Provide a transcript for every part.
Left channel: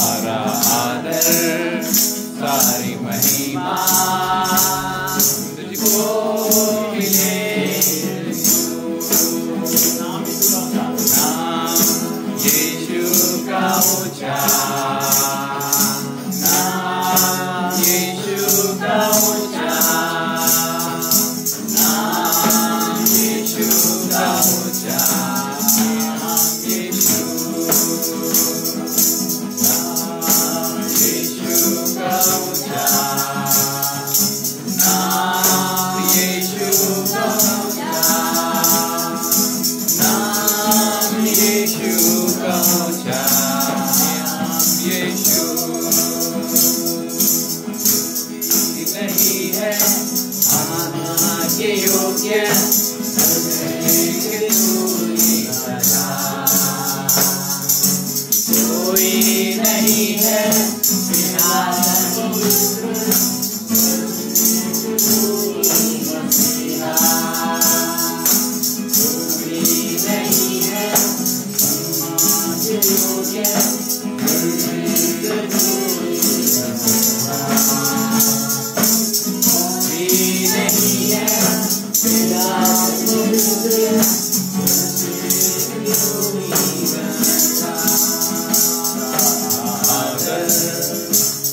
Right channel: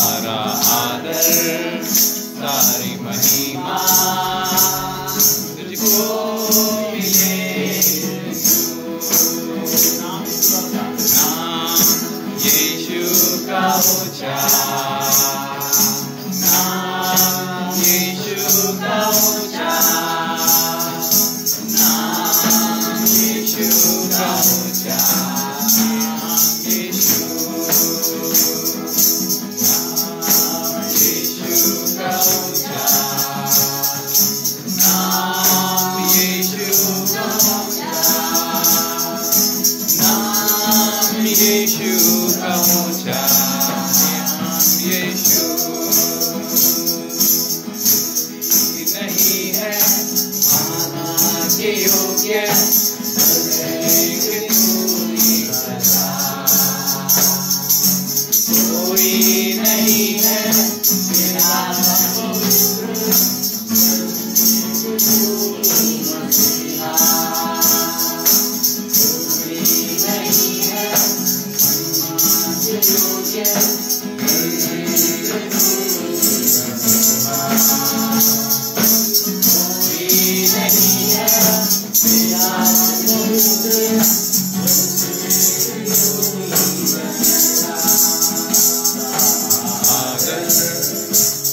सारा ऊंचा, नाम यीशु का ऊंचा, नाम यीशु का ऊंचा, नाम यीशु, नाम यीशु का ऊंचा, नाम यीशु का ऊंचा, नाम यीशु का ऊंचा, नाम यीशु नहीं है आना के योग्य, कोई नहीं है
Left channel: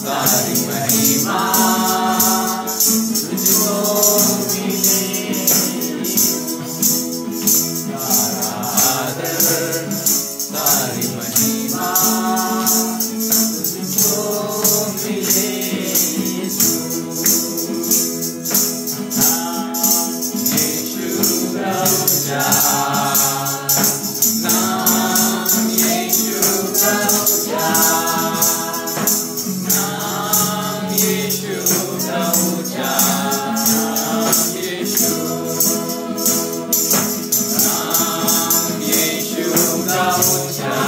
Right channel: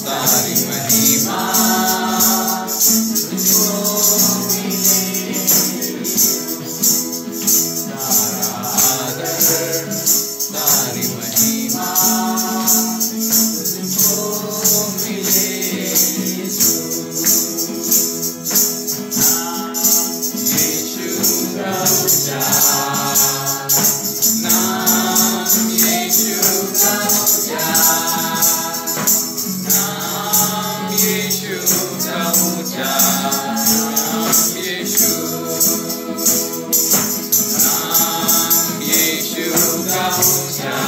तारी महिमा तारी महिमा नाम यीशु का ऊंचा, नाम यीशु का ऊंचा, नाम यीशु, नाम यीशु का ऊंचा,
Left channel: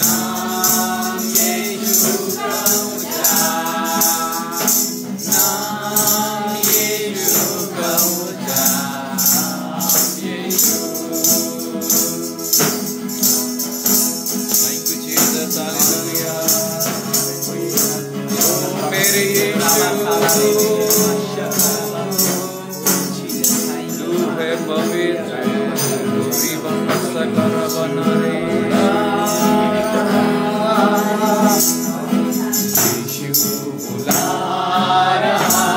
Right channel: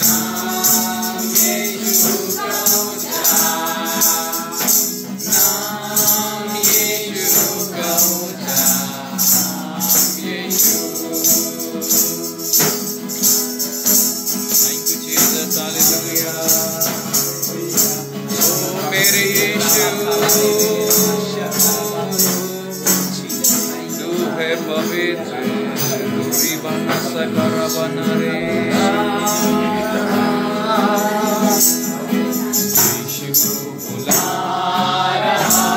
नाम यीशु का ऊंचा, नाम यीशु का ऊंचा, नाम यीशु। Thank you Jesus, hallelujah। ओ मेरे यीशु, तू है पवित्र, दूरी बना सकर बना रे। यीशु बुला रहा,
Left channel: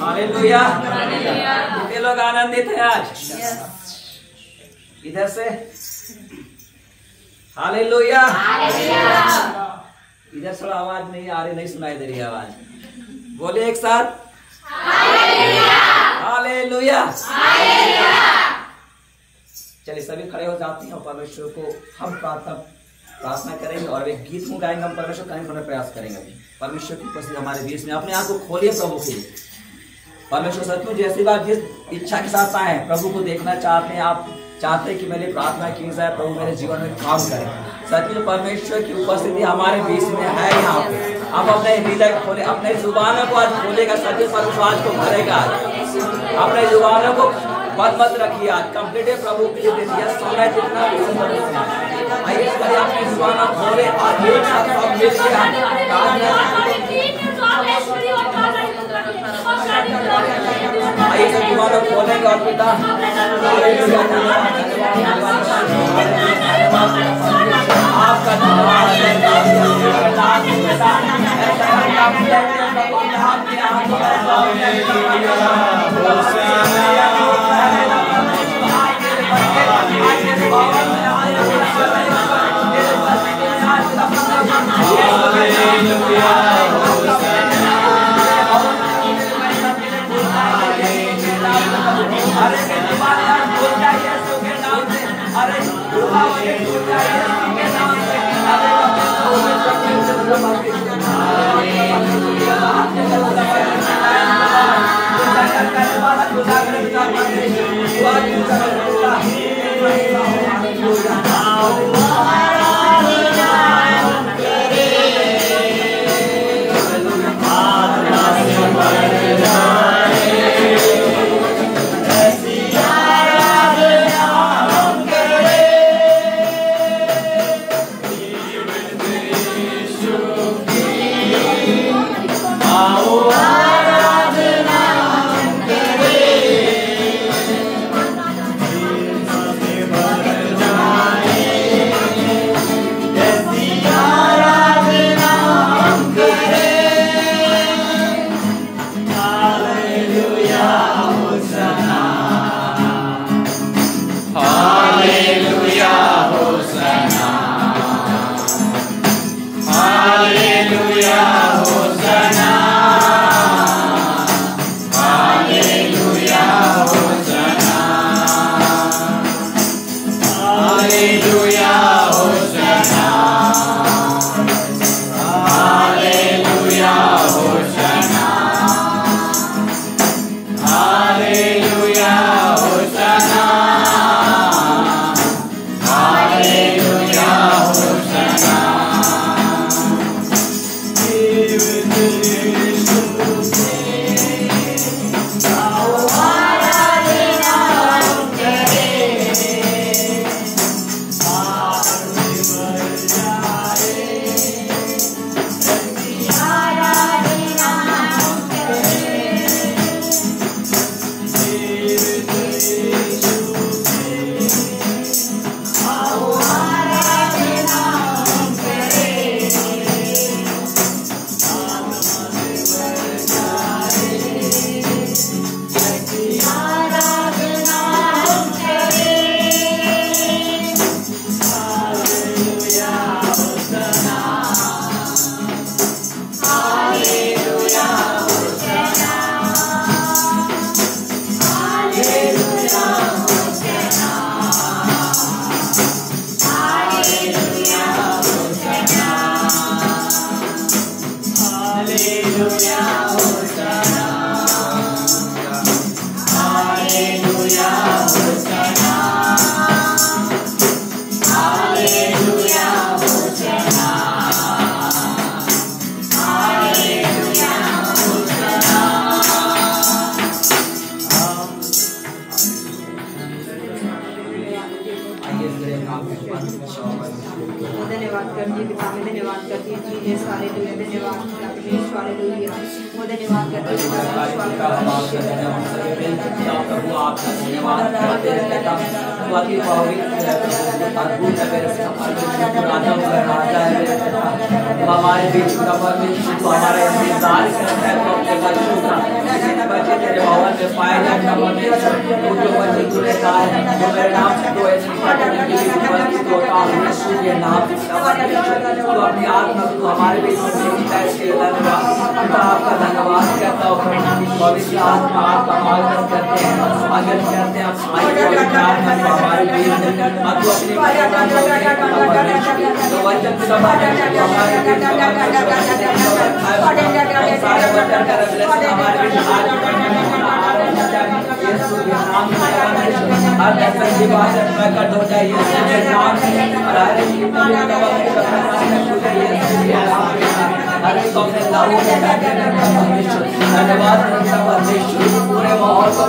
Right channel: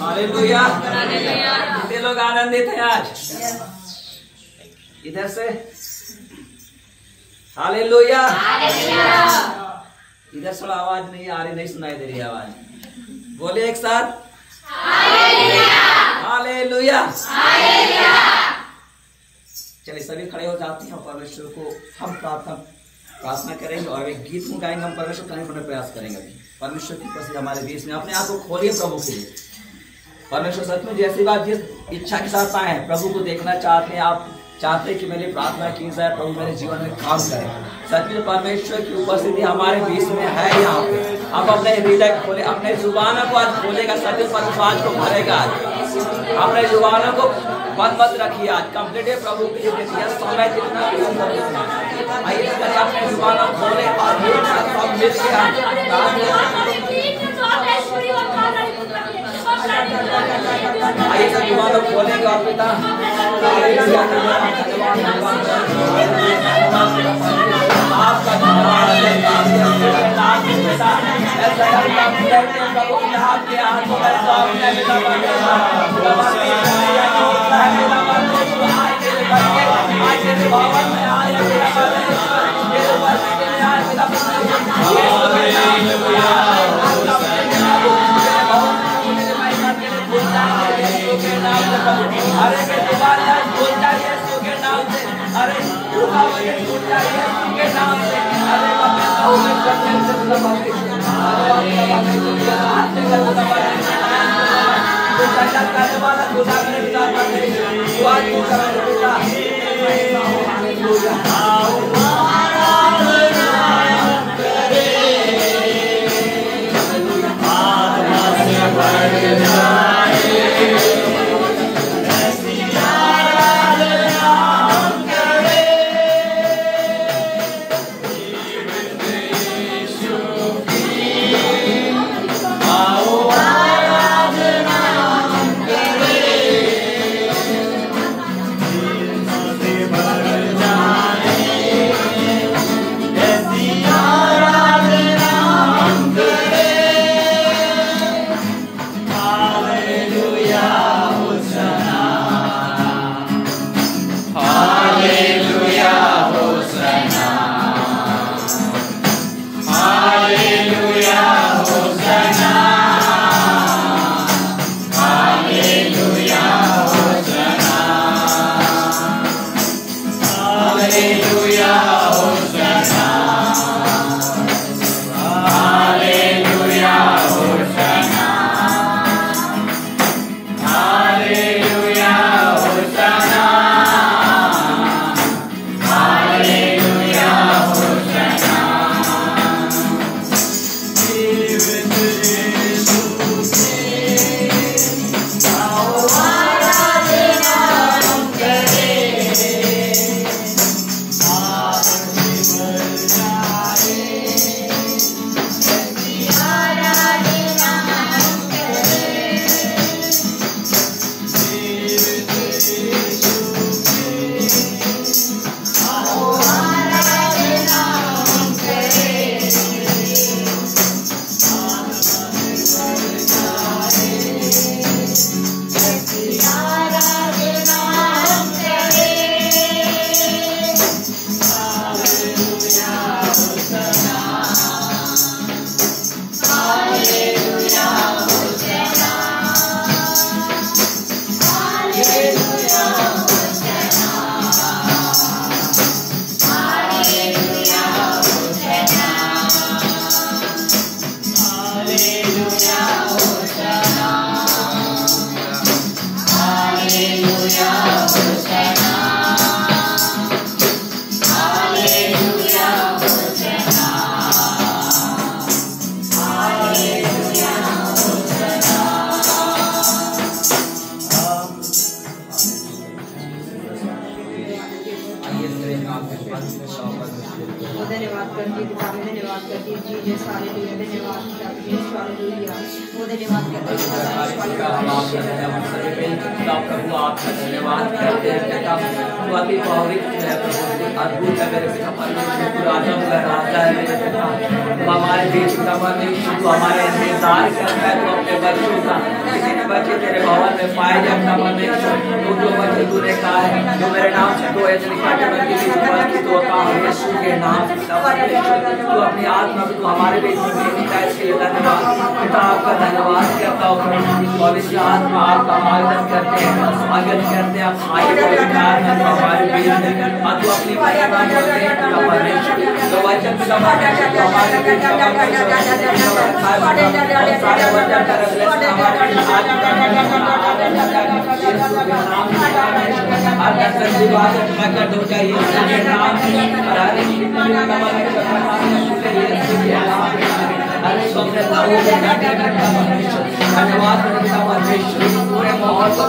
हालेलुया। कितने लोग आनंदित हैं आज? इधर से हालेलुया। इधर से आवाज नहीं आ रही, नहीं सुनाई दे रही आवाज। बोले एक साथ हालेलुया। चलिए सभी खड़े हो जाते हैं और परमेश्वर को हम प्रार्थना करेंगे और एक गीत में गाएंगे। हम परमेश्वर करने का प्रयास करेंगे। परमेश्वर की उपस्थिति हमारे बीच में, अपने आप को खोलिए प्रभु के लिए। परमेश्वर सचमुच जैसी बात जिस इच्छा के साथ आए हैं, प्रभु को देखना चाहते हैं, आप चाहते हैं कि मेरे प्रार्थना की जाए, प्रभु मेरे जीवन में काम करें। सचमुच परमेश्वर की उपस्थिति हमारे बीच में है यहाँ पे। आप अपने हृदय खोले, अपने जुबानों को आज खोलेगा। सचमुच परमेश्वर आज को भरेगा। आज अपने जुबानों को बंद मत रखिए। आज कंप्लीट प्रभु के लिए दे दिया समय जितना आइए अपने जुबानों खोले और एक साथ सब मिलकर हम आइए सब जुबानों खोलेंगे और पिता हमारे बीच का परमेश्वर हमारे इंतजार करता है तो अपने बच्चों का जितने बच्चे तेरे भवन में पाए जाए परमेश्वर तो जो बच्चे तूने कहा है जो मेरे नाम से तो ऐसे निकट उनकी भी उपस्थित होता हूँ यीशु के नाम से परमेश्वर तू अपनी आत्मा को तू हमारे बीच में भेजता है इसके लिए धन्यवाद पिता आपका धन्यवाद करता हूँ पवित्र आत्मा आपका मार्गदर्शन करते हैं स्वागत करते हैं आप आए पवित्र आत्मा को हमारे बीच में तू अपनी परमेश्वर तो वचन का हमारे पूरे माहौल को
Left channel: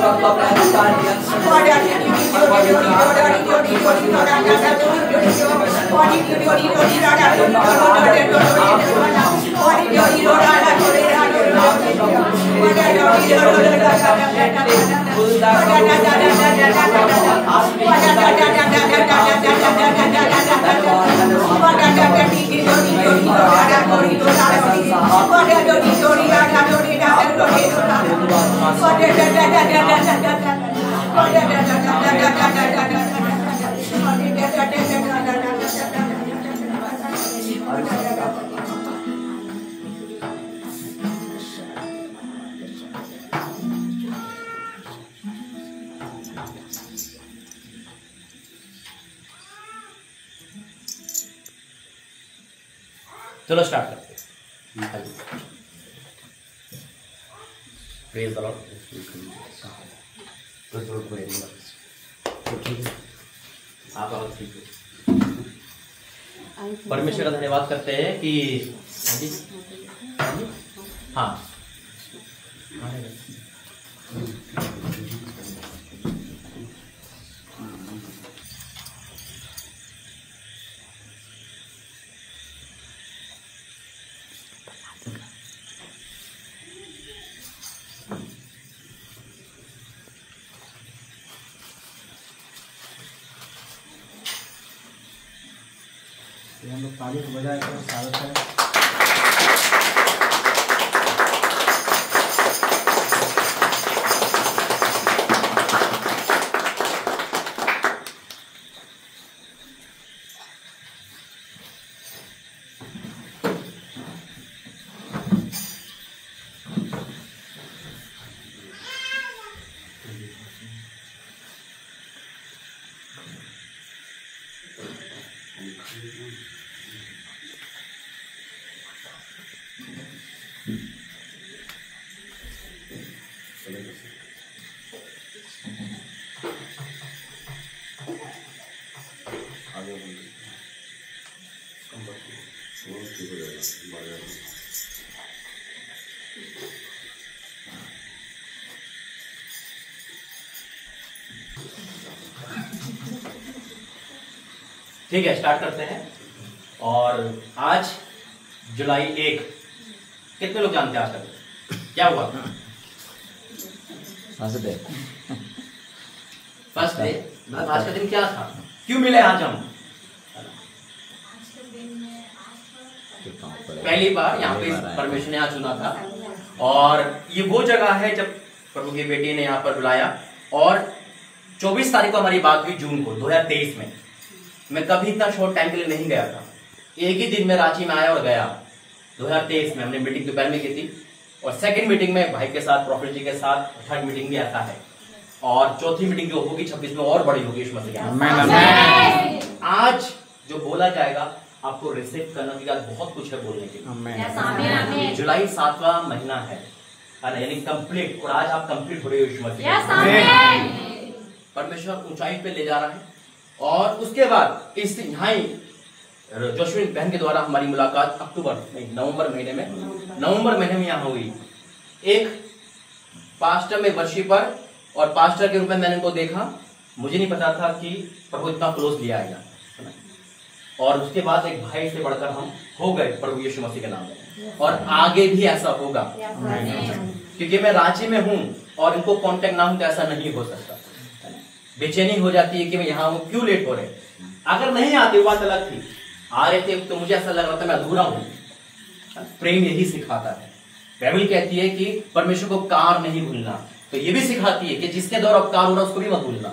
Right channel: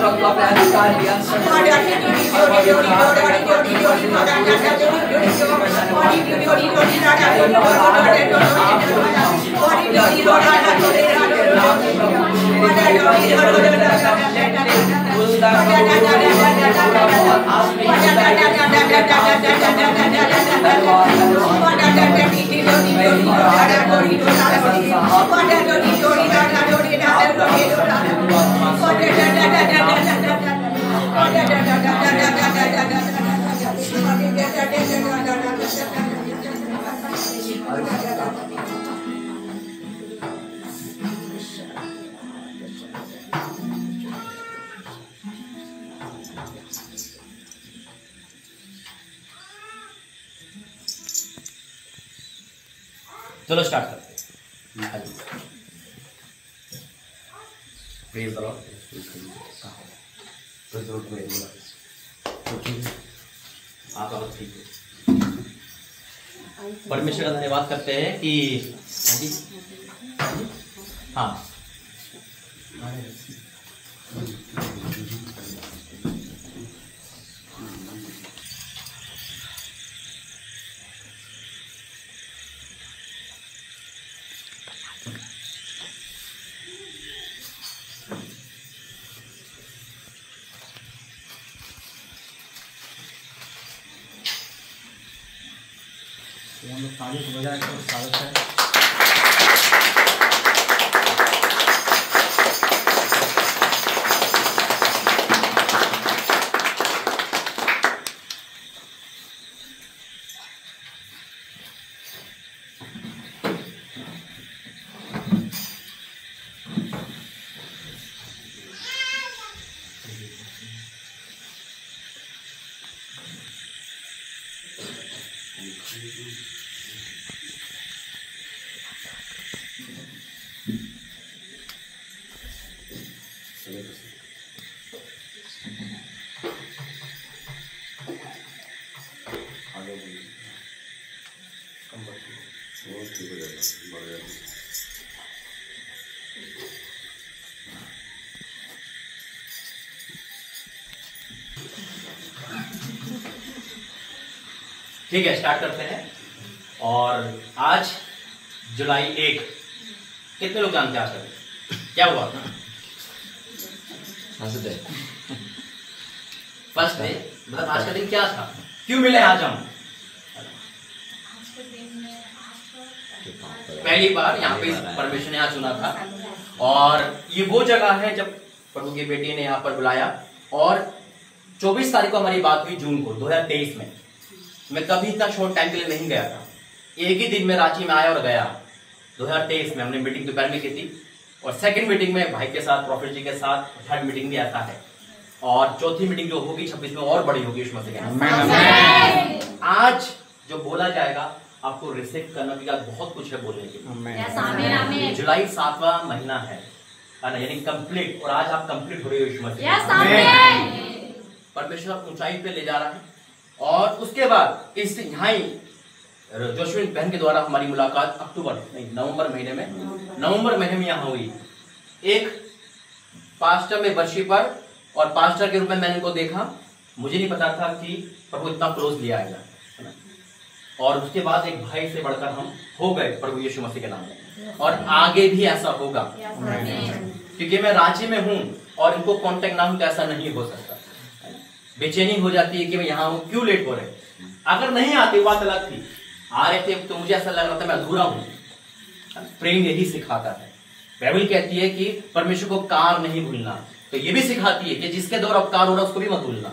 चलो स्टार्ट करते हैं। Praise the Lord. आप ठीक हो? परमेश्वर का धन्यवाद करते हैं कि हाँ तारीफ हो जाए तो स्वागत है। ठीक है, स्टार्ट करते हैं। और आज जुलाई 1, कितने लोग जानते हैं आज तक क्या हुआ? First day. मतलब आज का दिन क्या था, क्यों मिले आज हम? पहली बार यहाँ पे परमेश्वर ने आज चुना था, और ये वो जगह है जब प्रभु की बेटी ने यहाँ पर बुलाया। और 24 तारीख को हमारी बात हुई जून को 2023 में। मैं कभी इतना शॉर्ट टाइम के लिए नहीं गया था, एक ही दिन में रांची में आया और गया। 2023 में हमने मीटिंग दोपहर में की थी, और सेकंड मीटिंग में भाई के साथ, प्रॉफिट जी के साथ, थर्ड मीटिंग भी ऐसा है, और चौथी मीटिंग जो होगी 26 में और बड़ी होगी। यीशु मसीह के नाम। आज जो बोला जाएगा आपको रिसीव करने के बाद बहुत कुछ है बोलने के। जुलाई 7वां महीना है ना, यानी कंप्लीट, और आज आप कंप्लीट हो रहे हो यीशु मसीह। परमेश्वर ऊंचाई पे ले जा रहा है। और उसके बाद इस यहाँ जोशविन बहन के द्वारा हमारी मुलाकात नवंबर महीने में यहाँ हुई। एक पास्टर में वर्शिपर और पास्टर के रूप में मैंने उनको देखा। मुझे नहीं पता था कि प्रभु इतना क्लोज लिया आएगा, और उसके बाद एक भाई से बढ़कर हम हो गए प्रभु यीशु मसीह के नाम में, और आगे भी ऐसा होगा। क्योंकि मैं रांची में हूँ और इनको कांटेक्ट ना हूं तो ऐसा नहीं हो सकता। बेचैनी हो जाती है कि मैं यहाँ हूँ, क्यों लेट हो रहे। अगर नहीं आते बात अलग थी, आ रहे थे तो मुझे ऐसा लग रहा था मैं अधूरा हूं। प्रेम यही सिखाता है। बाइबल कहती है कि परमेश्वर को कार नहीं भूलना, तो ये भी सिखाती है कि जिसके द्वारा उपकार हो रहा है उसको भी मत भूलना।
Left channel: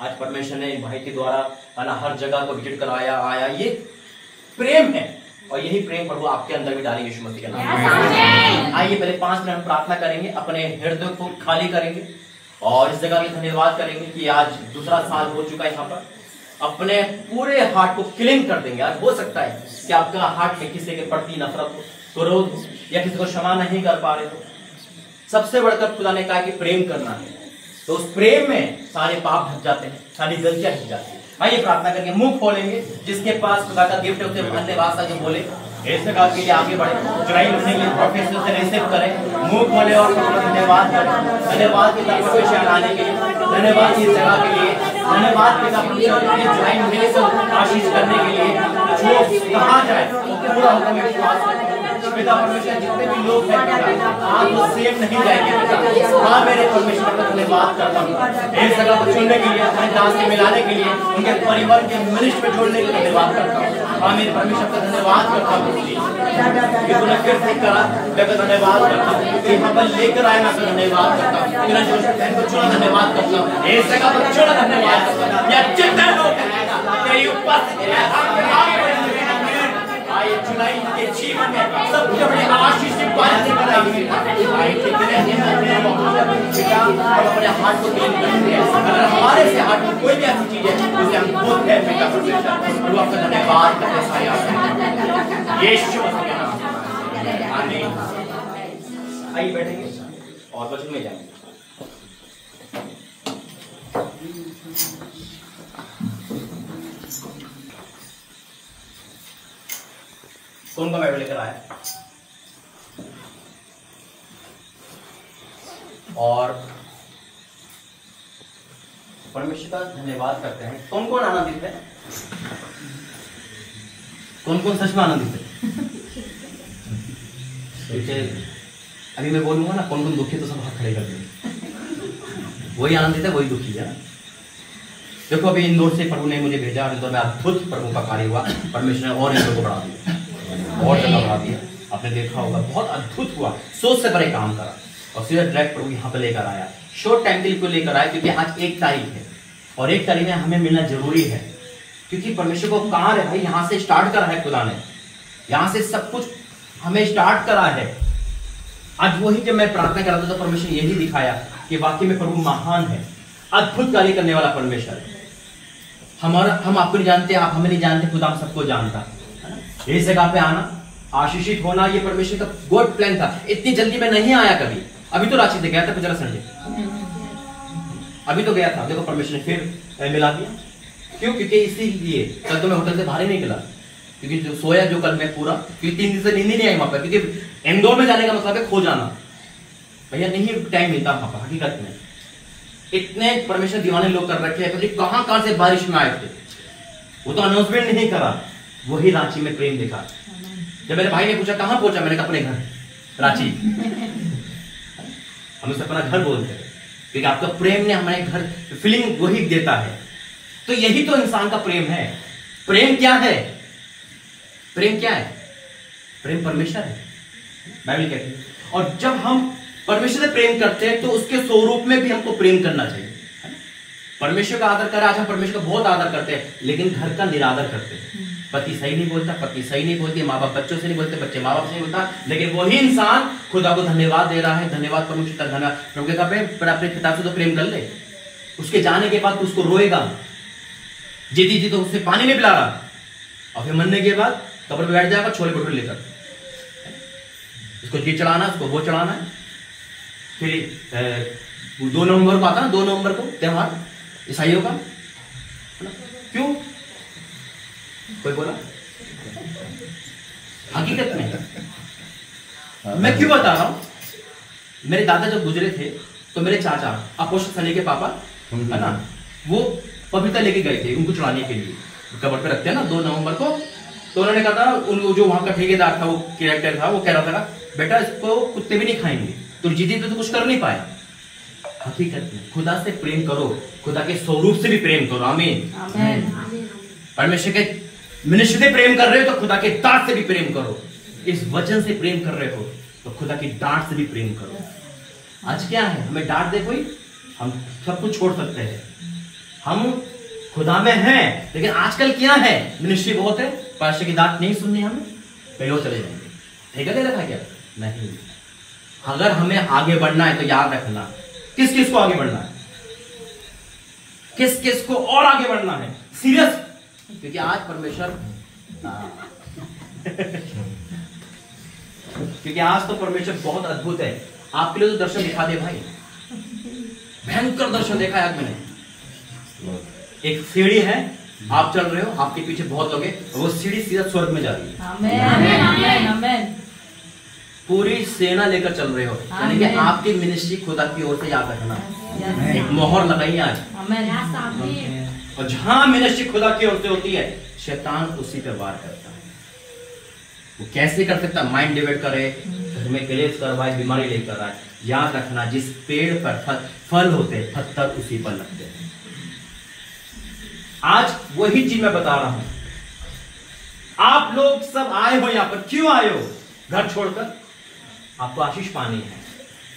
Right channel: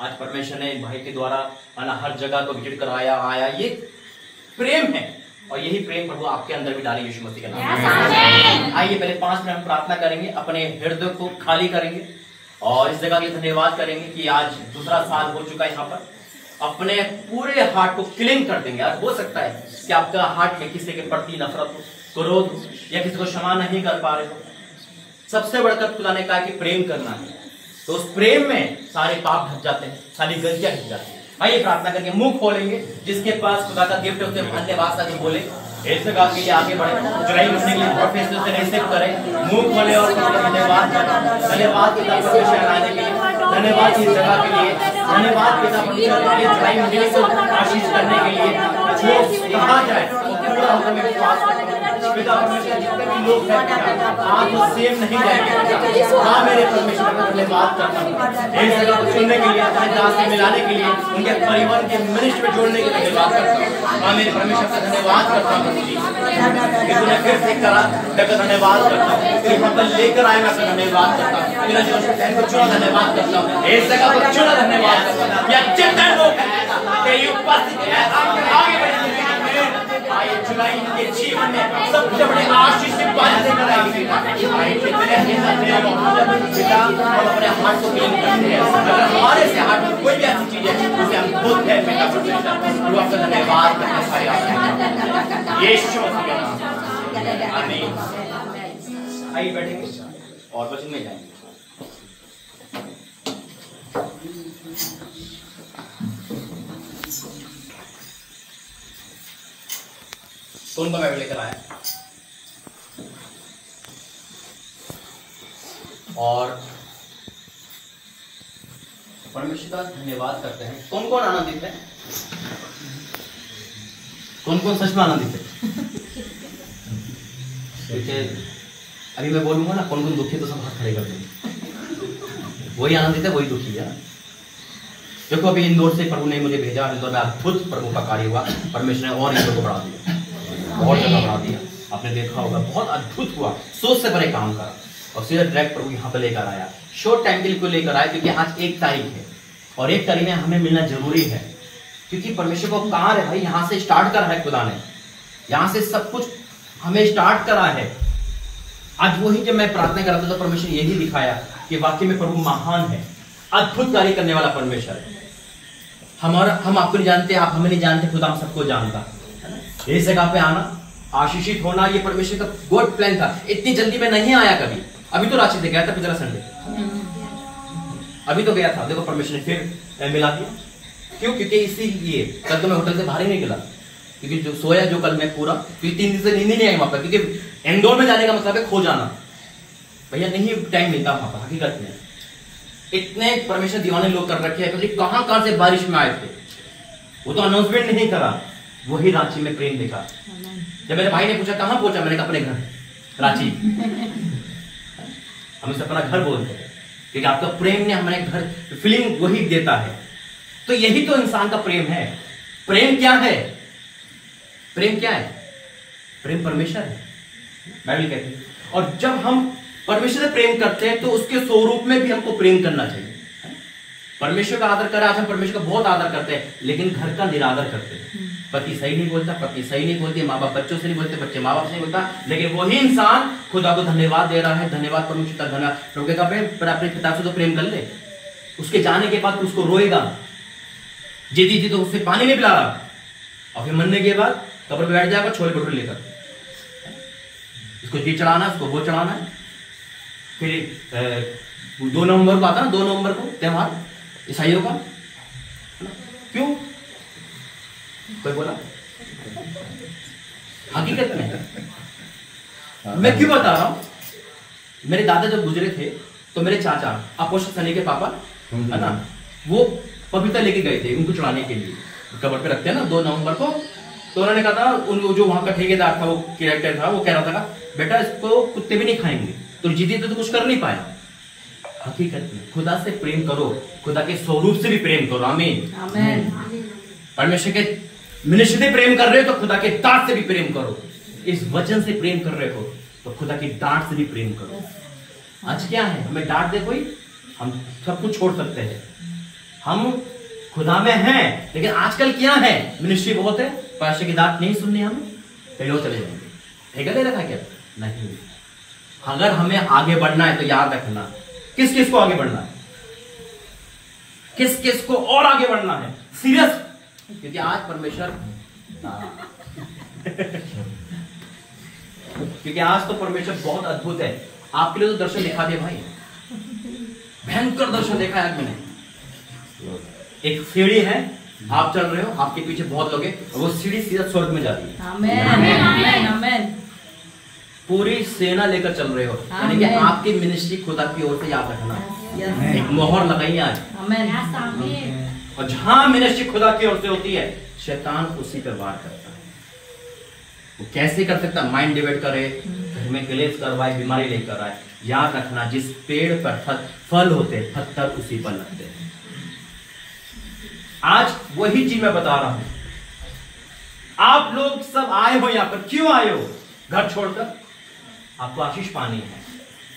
आज परमेश्वर ने भाई के द्वारा हर जगह को विजिट करवाया, आया, ये प्रेम है, और यही प्रेम प्रभु आपके अंदर भी डालेंगे यीशु मसीह के नाम में। आइए पहले 5 मिनट हम प्रार्थना करेंगे, अपने हृदय को खाली करेंगे, और इस जगह के धन्यवाद करेंगे कि आज दूसरा साल हो चुका है। यहाँ पर अपने पूरे हार्ट को क्लीन कर देंगे। आज हो सकता है कि आपका हार्ट में किसी के प्रति नफरत हो, क्रोध हो, या किसी को क्षमा नहीं कर पा रहे हो। सबसे बढ़कर खुदा ने कहा कि प्रेम करना है, तो उस प्रेम में सारे पाप ढक जाते हैं, सारी गलतियां ढक जाती हैं। आइए प्रार्थना करके मुंह खोलेंगे। जिसके पास खुदा का गिफ्ट है उसे धन्यवाद सा बोले, इस जगह के लिए आगे बढ़े, जुलाई महीने के लिए प्रोफेसर से रिसीव करें, मुंह खोले और धन्यवाद करें। धन्यवाद पिता परमेश्वर आने के लिए, धन्यवाद इस जगह के लिए, धन्यवाद पिता परमेश्वर के जुलाई महीने को आशीष करने के लिए। जो कहा जाए पूरा होगा पिता परमेश्वर। जितने भी लोग हैं आज वो सेम नहीं जाएंगे। हाँ मेरे परमेश्वर का धन्यवाद करता हूँ इस जगह को चुनने के लिए, अपने दास से मिलाने के लिए, उनके परिवार के मिनिस्ट्री में जोड़ने के लिए धन्यवाद करता हूँ। हाँ मेरे परमेश्वर का धन्यवाद करता हूँ। कि तूने फिर से करा, मैं तो धन्यवाद करता हूँ कि यहाँ पर लेकर आए, मैं तो धन्यवाद करता हूँ, इन्हें जो बहन को चुना धन्यवाद करता हूँ, इस जगह पर चुना धन्यवाद करता हूँ, या जितने लोग तेरी उपस्थिति में आगे बढ़ेंगे, आए जुलाई के जीवन में सबसे बड़े आशीष की बात लेकर आएगी। आए कितने पिता हम अपने हाथ को क्लीन करते हैं, अगर हमारे से हाथ में कोई भी ऐसी चीज है उसे हम खुद है बेटा परमेश्वर वो आपका धन्यवाद करते सारे आते यीशु मसीह के नाम आमीन। आइए बैठेंगे और वचन में जाएंगे। कौन का बाइबल लेकर आया और परमेश्वर का धन्यवाद करते हैं। कौन कौन आनंदित है? कौन कौन सच में आनंदित है? अभी मैं बोलूंगा ना कौन कौन दुखी, तो सब हाथ खड़े कर देंगे। वही आनंदित है, वही दुखी है। देखो अभी इंदौर से प्रभु ने मुझे भेजा, इंदौर में अद्भुत प्रभु का कार्य हुआ, परमेश्वर ने और इंदौर को बढ़ा दिया, और जगह बढ़ा दिया। आपने देखा होगा बहुत अद्भुत हुआ, सोच से बड़े काम करा और सीधा डायरेक्ट प्रभु यहाँ पे लेकर आया। शॉर्ट टाइम के लिए लेकर आया क्योंकि आज 1 तारीख है और 1 तारीख में हमें मिलना जरूरी है, क्योंकि परमेश्वर को कार्य है यहाँ से स्टार्ट करा है, खुदा ने यहाँ से सब कुछ हमें स्टार्ट करा है। आज वही जब मैं प्रार्थना कर रहा था तो परमेश्वर यही दिखाया कि वाकई में प्रभु महान है, अद्भुत कार्य करने वाला परमेश्वर है। हम आपको नहीं जानते, आप हमें नहीं जानते, खुदा हम सबको जानता। इस जगह पे आना, आशीषित होना, ये परमेश्वर का गॉड प्लान था। इतनी जल्दी में नहीं आया कभी। अभी तो रांची से गया था पिछला संडे, अभी तो गया था। देखो परमेश्वर ने फिर मिला दिया। क्यों? क्योंकि इसीलिए कल तो मैं होटल से बाहर ही नहीं निकला, क्योंकि जो सोया जो कल मैं पूरा, क्योंकि 3 दिन से नींद नहीं आई वहां पर, क्योंकि इंदौर में जाने का मतलब है खो जाना। भैया नहीं टाइम मिलता वहां पर हकीकत में। इतने परमेश्वर दीवाने लोग कर रखे हैं, कहां से बारिश में आए थे, वो तो अनाउंसमेंट नहीं करा, वही रांची में प्रेम देखा। जब मेरे भाई ने पूछा कहां पहुंचा, मैंने कहा अपने घर रांची। हम इसे अपना घर बोलते हैं क्योंकि आपका प्रेम ने हमारे घर फीलिंग वही देता है। तो यही तो इंसान का प्रेम है। प्रेम क्या है? प्रेम क्या है? प्रेम परमेश्वर है, बाइबल कहती है। और जब हम परमेश्वर से प्रेम करते हैं तो उसके स्वरूप में भी हमको प्रेम करना चाहिए। परमेश्वर का आदर करें। आज हम परमेश्वर का बहुत आदर करते हैं लेकिन घर का निरादर करते हैं। पति सही नहीं बोलता, पत्नी सही नहीं बोलती, माँ बाप बच्चों से नहीं बोलते, बच्चे माँ बाप से नहीं बोलता, लेकिन वही इंसान खुदा को धन्यवाद दे रहा है। धन्यवाद परमेश्वर, धन्यवाद प्रभु के कपड़े पर अपने पिता से तो प्रेम कर ले। उसके जाने के बाद उसको रोएगा, जीती जी तो उससे पानी नहीं पिला रहा, और फिर मरने के बाद कब्र पे बैठ जाएगा छोले भटूरे लेकर। इसको ये चढ़ाना, उसको वो चढ़ाना है। फिर 2 नवंबर को आता है, 2 नवंबर को त्योहार ईसाइयों का। क्यों? कोई बोला? हकीकत में मैं क्यों बता रहा हूं? मेरे दादा जब गुजरे थे तो मेरे चाचा अपोस्टल सनी के पापा है ना, वो पपीता लेके गए थे उनको चढ़ाने के लिए, कब्र पे रखते हैं ना 2 नवंबर को। तो उन्होंने कहा था, जो वहां का ठेकेदार था, वो कैरेक्टर था, वो कह रहा था बेटा इसको कुत्ते भी नहीं खाएंगे, तो जीती तो कुछ कर नहीं पाए। हकीकत में खुदा से प्रेम करो, खुदा के स्वरूप से भी प्रेम करो। आमीन। परमेश्वर के मनुष्य से प्रेम कर रहे हो तो खुदा के डांट से भी प्रेम करो। इस वचन से प्रेम कर रहे हो तो खुदा की डांट से भी प्रेम करो। आज क्या है, हमें डांट दे कोई, हम सब कुछ छोड़ सकते हैं। हम खुदा में हैं, लेकिन आजकल क्या है, मनुष्य बहुत है, परमेश्वर की डांट नहीं सुननी, हमें कहीं और चले जाएंगे। ठेका दे रखा क्या? नहीं। अगर हमें आगे बढ़ना है तो याद रखना, किस किस को आगे बढ़ना है, किस किस को और आगे बढ़ना है, सीरियस। क्योंकि आज परमेश्वर क्योंकि आज तो परमेश्वर बहुत अद्भुत है। आपके लिए तो दर्शन दिखा दे भाई, भयंकर दर्शन देखा है आज मैंने। एक सीढ़ी है, आप चल रहे हो, आपके पीछे बहुत लोग हैं, वो सीढ़ी सीधा स्वर्ग में जा रही है। आमीन, आमीन। पूरी सेना लेकर चल रहे हो, यानी कि आपकी मिनिस्ट्री खुदा की ओर से याद रखना, एक मोहर लगाई आज। और जहां मिनिस्ट्री खुदा की ओर से होती है, शैतान उसी पर वार करता है। वो कैसे कर सकता? माइंड डिवाइड करे, घर में क्लेश करवाए, बीमारी लेकर आए। याद रखना, जिस पेड़ पर फल होते हैं, पत्थर उसी पर लगते हैं। आज वही चीज मैं बता रहा हूं। आप लोग सब आए हो यहां पर, क्यों आए हो? घर छोड़कर आपको आशीष पानी है,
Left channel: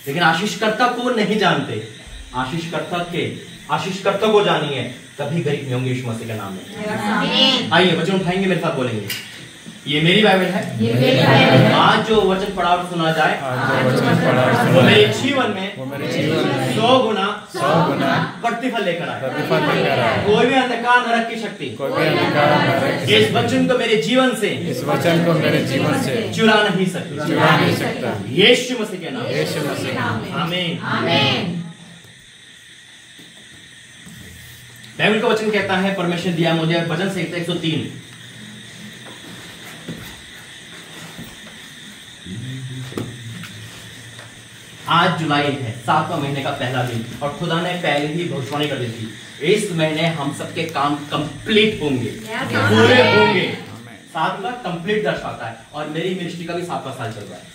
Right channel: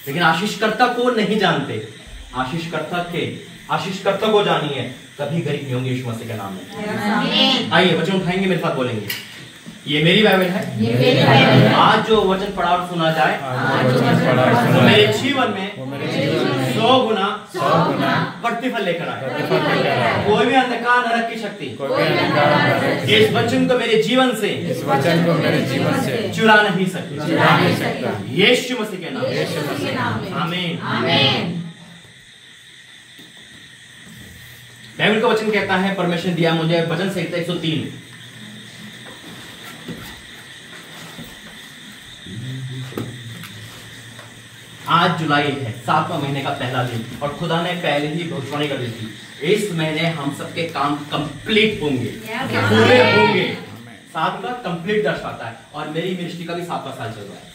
लेकिन आशीषकर्ता को नहीं जानते। आशीषकर्ता को जानिए, कभी गरीब नहीं होंगे यीशु मसीह के नाम में। आइए वचन उठाएंगे, मेरे साथ बोलेंगे। ये मेरी बाइबल है। आज जो वचन पढ़ा और सुना जाए वो मेरे जीवन में 100 गुना प्रतिफल लेकर आए। कोई भी अंधकार नरक की शक्ति इस वचन को मेरे जीवन से चुरा नहीं सकता। यीशु मसीह के नाम, आमीन। बाइबल का वचन कहता है, परमेश्वर दिया मुझे भजन संहिता 103। आज जुलाई है, 7वां महीने का पहला दिन, और खुदा ने पहले ही भविष्यवाणी कर दी थी इस महीने हम सबके काम कंप्लीट होंगे, पूरे होंगे। 7 का कंप्लीट दर्शाता है, और मेरी मिनिस्ट्री का भी 7वां साल चल रहा है।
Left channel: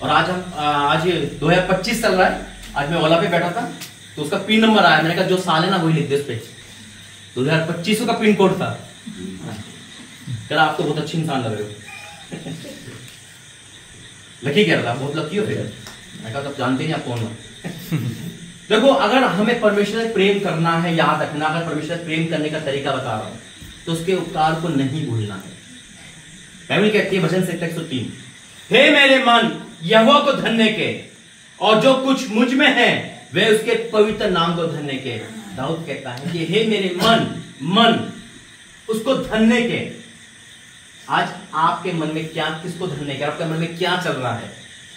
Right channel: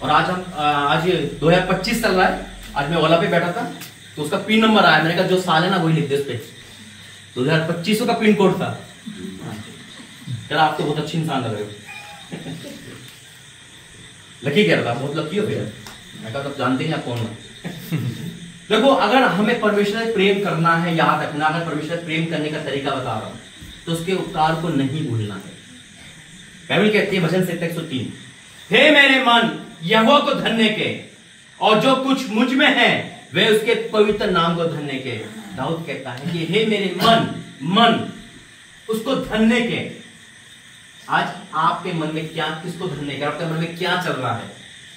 और आज 2025 चल रहा है। आज मैं ओला पे बैठा था तो उसका पिन नंबर आया, मैंने कहा जो साल है ना वही लिख दे इस पे। 2025 का पिन कोड था। कल आप तो बहुत अच्छी इंसान लग रहे हो। लकी कह रहा था, बहुत लकी हो फिर। मैं कहा तो जानते नहीं आप कौन हो। देखो, अगर हमें परमेश्वर से प्रेम करना है, याद रखना, अगर परमेश्वर से प्रेम करने का तरीका बता रहा हूं तो उसके उपकार को नहीं भूलना है। बाइबल कहती है भजन संहिता 103, हे मेरे मन यहोवा को धन्य के, और जो कुछ मुझ में है वे उसके पवित्र नाम को धन्य के। दाऊद कहता है कि हे मेरे मन उसको धन्य के। आज आपके मन में क्या, किसको धन्य के, आपके मन में क्या चल रहा है?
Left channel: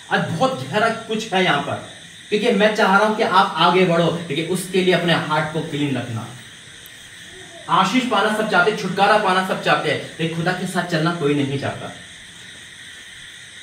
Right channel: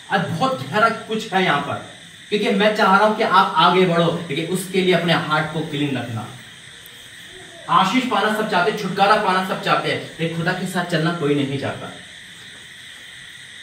आज बहुत गहरा कुछ है यहाँ पर, क्योंकि मैं चाह रहा हूं कि आप आगे बढ़ो, लेकिन उसके लिए अपने हार्ट को क्लीन रखना। आशीष पाना सब चाहते, छुटकारा पाना सब चाहते हैं, लेकिन खुदा के साथ चलना कोई नहीं चाहता।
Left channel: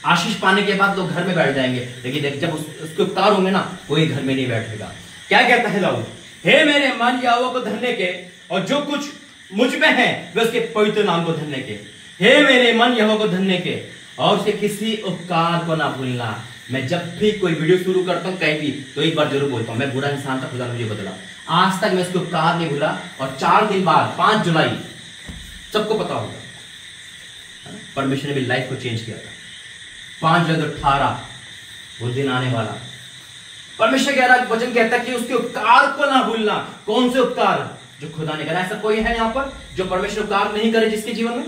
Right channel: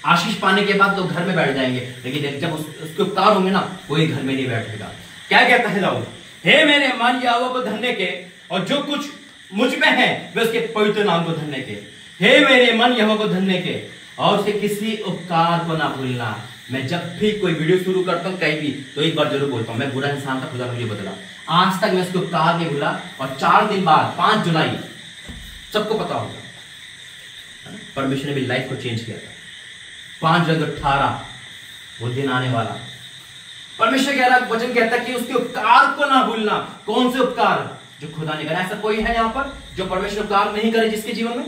आशीष पाने के बाद लोग घर में बैठ जाएंगे, लेकिन जब उसके उपकार होंगे ना, कोई घर में नहीं बैठेगा। क्या कहता है दाऊद? हे मेरे मन यहोवा को धन्य के, और जो कुछ मुझ में है वे उसके पवित्र नाम को धन्य के। हे मेरे मन यहोवा को धन्य के, और उसके किसी उपकार को ना भूलना। मैं जब भी कोई वीडियो शुरू करता हूं कहीं भी, तो एक बार जरूर बोलता हूं, मैं बुरा इंसान था, खुदा मुझे बदला। आज तक मैं उसके उपकार नहीं भूला। और 4 दिन बाद 5 जुलाई सबको पता होगा, परमेश्वर ने मेरी लाइफ को चेंज किया था। 5/18 वो दिन आने वाला। परमेश्वर कह रहा, वचन कहता है कि उसके उपकार को ना भूलना। कौन से उपकार? जो खुदा ने करा। ऐसा कोई है यहाँ पर जो परमेश्वर उपकार नहीं करे जिसके जीवन में?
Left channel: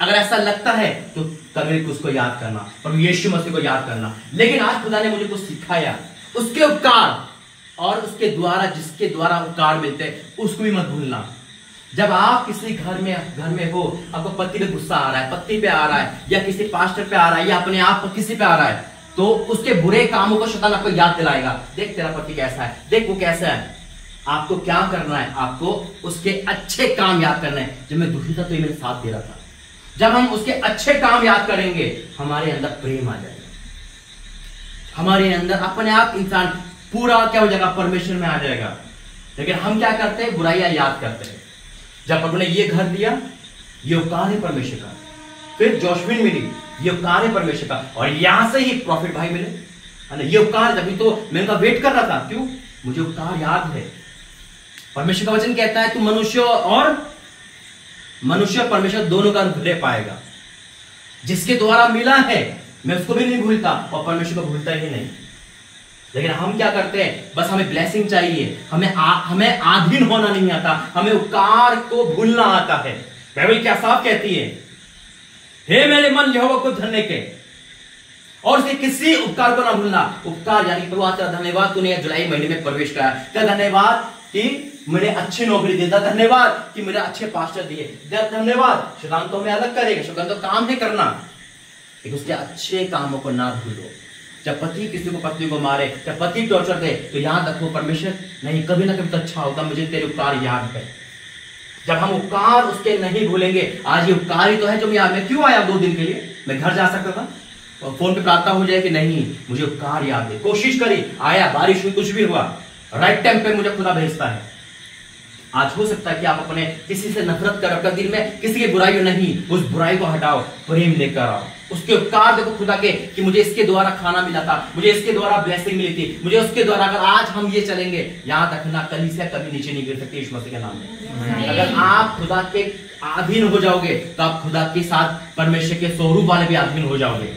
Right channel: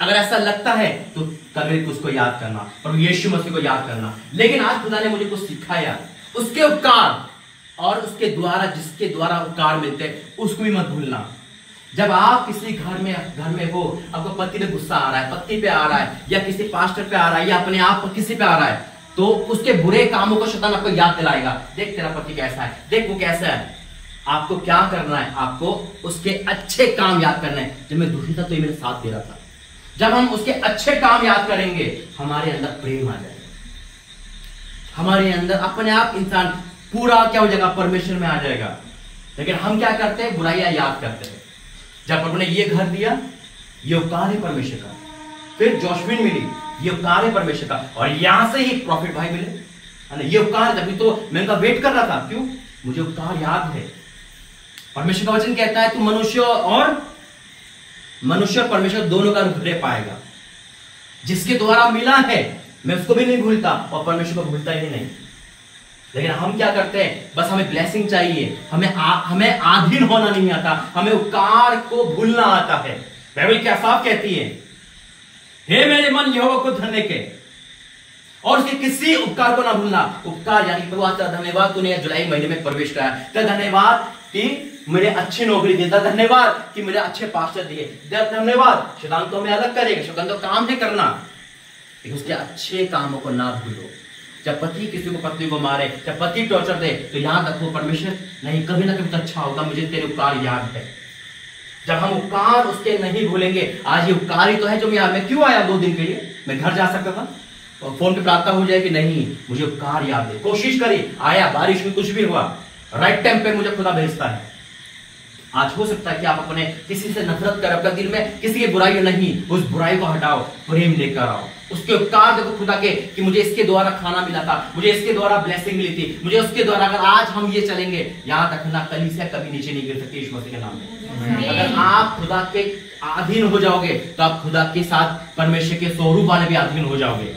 अगर ऐसा लगता है तो कभी उसको याद करना, पर यीशु मसीह को याद करना। लेकिन आज खुदा ने मुझे कुछ सिखाया, उसके उपकार और उसके द्वारा, जिसके द्वारा उपकार मिलते हैं, उसको भी मत भूलना। जब आप किसी घर में हो, आपको पति पे गुस्सा आ रहा है, पति पे आ रहा है, या किसी पास्टर पे आ रहा है, या अपने आप पर किसी पे आ रहा है, तो उसके बुरे कामों को शैतान आपको याद दिलाएगा। देख तेरा पति कैसा है, देख वो कैसा है। आपको क्या करना है? आपको उसके अच्छे काम याद करना है। जब मैं दुखी था तो ये मेरे साथ दे रहा था। जब हम उसके अच्छे काम याद करेंगे, हमारे अंदर प्रेम आ जाएगा, हमारे अंदर अपने आप इंसान पूरा क्या हो जाएगा, परमेश्वर में आ जाएगा। लेकिन हम क्या करते हैं? बुराइयां याद करते हैं। जब हमने ये घर दिया, ये उपकार है परमेश्वर का। फिर जॉस्मिन मिली, ये उपकार है परमेश्वर का। और यहां से ही प्रॉफिट भाई मिले, है ना, ये उपकार। तभी तो मैं उनका वेट कर रहा था। क्यों? मुझे उपकार याद है। परमेश्वर का वचन कहता है, तू मनुष्य परमेश्वर दोनों का रूप ले पाएगा। जिसके द्वारा मिला है मैं उसको भी नहीं भूलता, और परमेश्वर को भूलता ही नहीं। लेकिन हम क्या करते हैं? बस हमें ब्लेसिंग चाहिए, हमें आधीन होना नहीं आता, हमें उपकार को भूलना आता है। बाइबल क्या साफ कहती है, हे मेरे मन यहोवा को धन्य के, और उसके किसी उपकार को ना भूलना। उपकार यानी प्रभु तेरा धन्यवाद, तूने जुलाई महीने में प्रवेश कराया। तेरा धन्यवाद कि मुझे अच्छी नौकरी देता, धन्यवाद कि मुझे अच्छे पास्टर दिए, धन्यवाद। शैतान तो हमें अलग करेगा, शैतान तो काम है करना, लेकिन उसके अच्छे कामों को ना भूलो। जब पति किसी को पत्नी को मारे, जब पति टॉर्चर दे, तो याद रखो परमेश्वर नहीं, कभी ना कभी तो अच्छा होगा, मुझे तेरे उपकार याद है। जब हम उपकार उसके नहीं भूलेंगे, आज ये उपकार ही तो है जो मैं क्यों आया 2 दिन के लिए? मैं घर जा सकता था और फोन पे प्रार्थना हो जाए कि नहीं, मुझे उपकार याद है। कोशिश करी, आया, बारिश हुई, कुछ भी हुआ, राइट टाइम पे मुझे खुदा भेजता है। आज हो सकता है कि आप अपने किसी से नफरत कर, आपका दिल में किसी की बुराई नहीं, उस बुराई को हटाओ, प्रेम लेकर आओ, उसके उपकार देखो खुदा के कि मुझे इसके द्वारा खाना मिला था, मुझे इसके द्वारा ब्लेसिंग मिली थी, मुझे उसके द्वारा, अगर आज हम ये चलेंगे, याद रखना कलीसिया कभी नीचे नहीं गिर सकती यीशु मसीह के नाम में। अगर आप खुदा के अधीन हो जाओगे तो आप खुदा के साथ परमेश्वर के स्वरूप वाले भी अधीन हो जाओगे,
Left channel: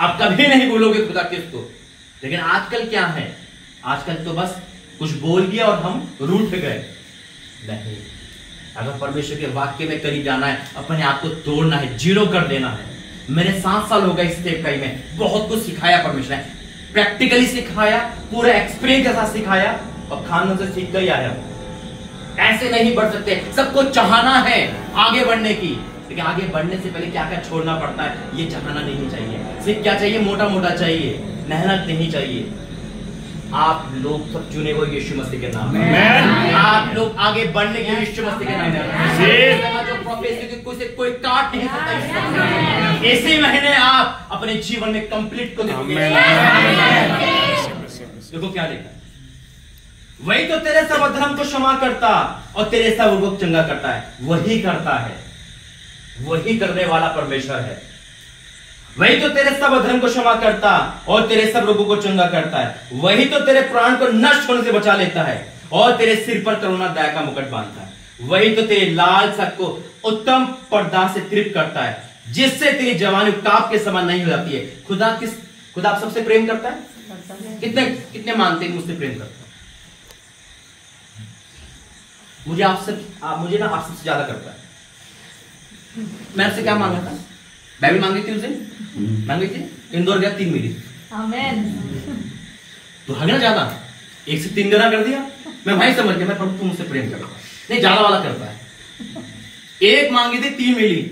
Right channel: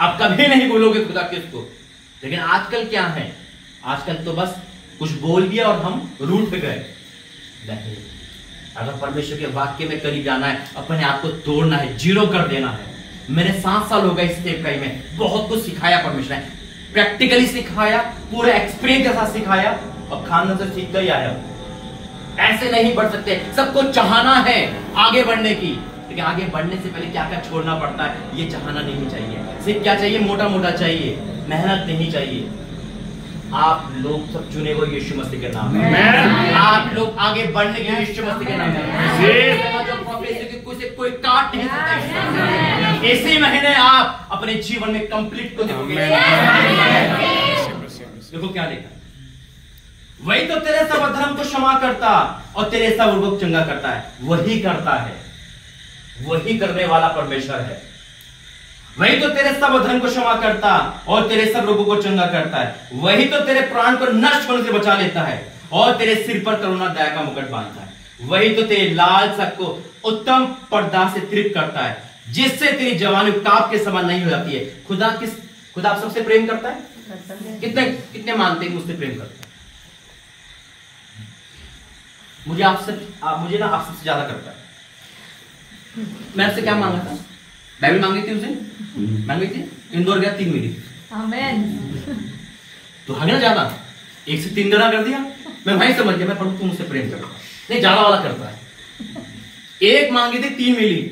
आप कभी नहीं बोलोगे खुदा के उसको। लेकिन आजकल क्या है, आजकल तो बस कुछ बोल दिया और हम रूठ गए। नहीं, अगर परमेश्वर के वाक्य में करीब जाना है, अपने आप को तोड़ना है, जीरो कर देना है। मैंने 7 साल हो गए इस सेवकाई में, बहुत कुछ सिखाया परमेश्वर ने, प्रैक्टिकली सिखाया, पूरा एक्सपीरियंस के साथ सिखाया, और खाना से सीखता ही आया। ऐसे नहीं बढ़ सकते, सबको चाहना है आगे बढ़ने की, लेकिन आगे बढ़ने से पहले क्या क्या छोड़ना पड़ता है ये चाहना नहीं चाहिए। सिर्फ क्या चाहिए, मोटा मोटा चाहिए, मेहनत नहीं चाहिए। आप लोग सब चुने हुए यीशु मसीह के नाम में, आप लोग आगे बढ़ने के लिए यीशु मसीह के नाम में, जो प्रोग्रेस कोई काट नहीं सकता। इसी महीने आप अपने जीवन में कंप्लीट को देखोगे। देखो क्या देखा, वही तो तेरे सब अधर्म को क्षमा करता और तेरे सब रोग को चंगा करता है। वही करता है, वही करने वाला परमेश्वर है। वही तो तेरे सब अधर्म को क्षमा करता और तेरे सब रोगों को चंगा करता है। वही तो तेरे प्राण को नष्ट होने से बचा लेता है और तेरे सिर पर करुणा दया का मुकुट बांधता है। वही तो तेरे लाल सब को उत्तम पर्दा से तृप्त करता है, जिससे तेरी जवानी उकताब के समान नहीं हो जाती है। खुदा आप सबसे प्रेम करता है? कितने मानते हैं मुझसे प्रेम करता है? मुझे ना आपसे ज्यादा करता है। मैं आपसे क्या मांगा था? बाइबल मांगी थी उसे, मांगी थी, इंदौर गया 3 मिली, तो हमें ज्यादा 1 से 3 गुना कर दिया। मैं भाई समझ गया, मैं पढ़ू तू मुझसे प्रेम करता नहीं, ज्यादा वाला करता है। 1 मांगी थी 3 मिली,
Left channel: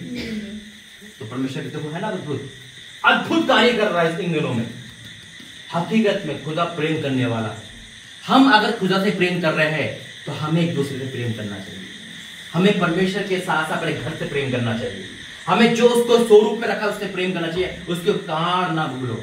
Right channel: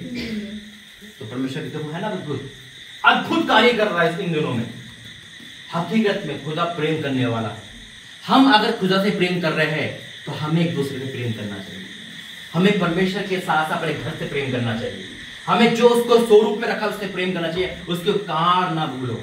तो परमेश्वर देखो है ना अद्भुत कार्य कर रहा है इन दिनों में। हकीकत में खुदा प्रेम करने वाला है। हम अगर खुदा से प्रेम कर रहे हैं तो हमें एक दूसरे से प्रेम करना चाहिए। हमें परमेश्वर के साथ साथ अपने घर से प्रेम करना चाहिए। हमें जो उसको स्वरूप में रखा उससे प्रेम करना चाहिए, उसके उपकार ना भूलो।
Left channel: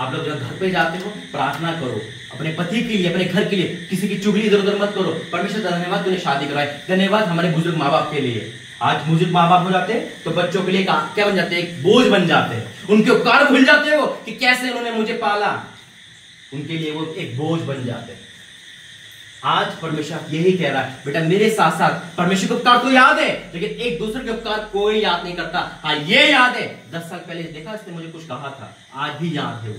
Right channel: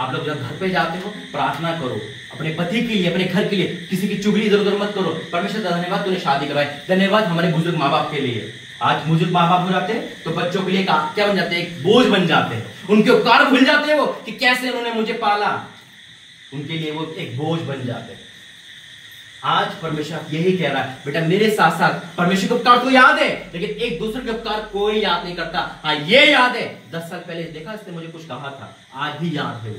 आप लोग जब घर पे जाते हो प्रार्थना करो, अपने पति के लिए, अपने घर के लिए, किसी की चुगली इधर उधर मत करो। परमेश्वर धन्यवाद तूने शादी कराई, धन्यवाद हमारे बुजुर्ग माँ बाप के लिए। आज बुजुर्ग माँ बाप हो जाते तो बच्चों के लिए क्या बन जाते हैं? एक बोझ बन जाते हैं। उनके उपकार भूल जाते हो कि कैसे उन्होंने मुझे पाला, उनके लिए वो एक बोझ बन जाते हैं। आज परमेश्वर यही कह रहा है, बेटा मेरे साथ साथ परमेश्वर के उपकार तो याद है, लेकिन एक दूसरे के उपकार कोई याद नहीं करता। हाँ ये याद है 10 साल पहले देखा इसने मुझे कुछ कहा था, आज भी याद है।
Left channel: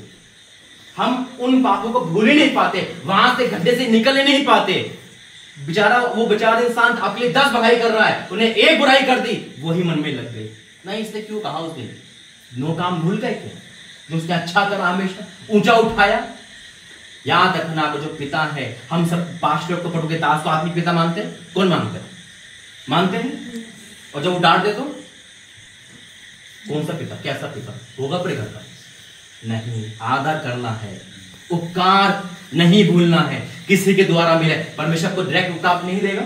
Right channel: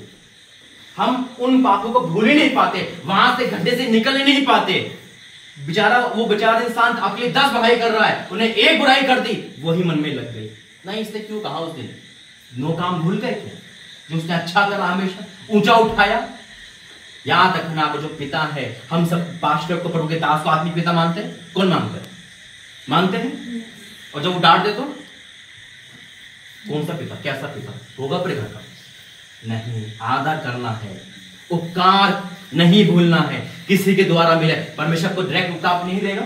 हम उन पापों को भूल ही नहीं पाते, वहां से गड्ढे से निकल ही नहीं पाते। वो बेचारा इंसान आपके लिए 10 भलाई कर रहा है, उन्हें 1 बुराई कर दी, वही मन में लग गई। नहीं इसने क्यों कहा उस दिन? नो काम भूल गए थे जो उसने अच्छा करा, हमेशा ऊंचा उठाया। याद रखना वो जो पिता है, हम सब पास्टर को, प्रभु के दास को आत्मिक पिता मानते हैं। कौन मानते हैं? मानते हैं। और जब वो डांट दे तो कौन सा पिता, कैसा पिता होगा अपने घर का? नहीं, आदर करना है, उपकार नहीं भूलना है। किसी के द्वारा मिले, परमेश्वर को डायरेक्ट उपकार नहीं देगा,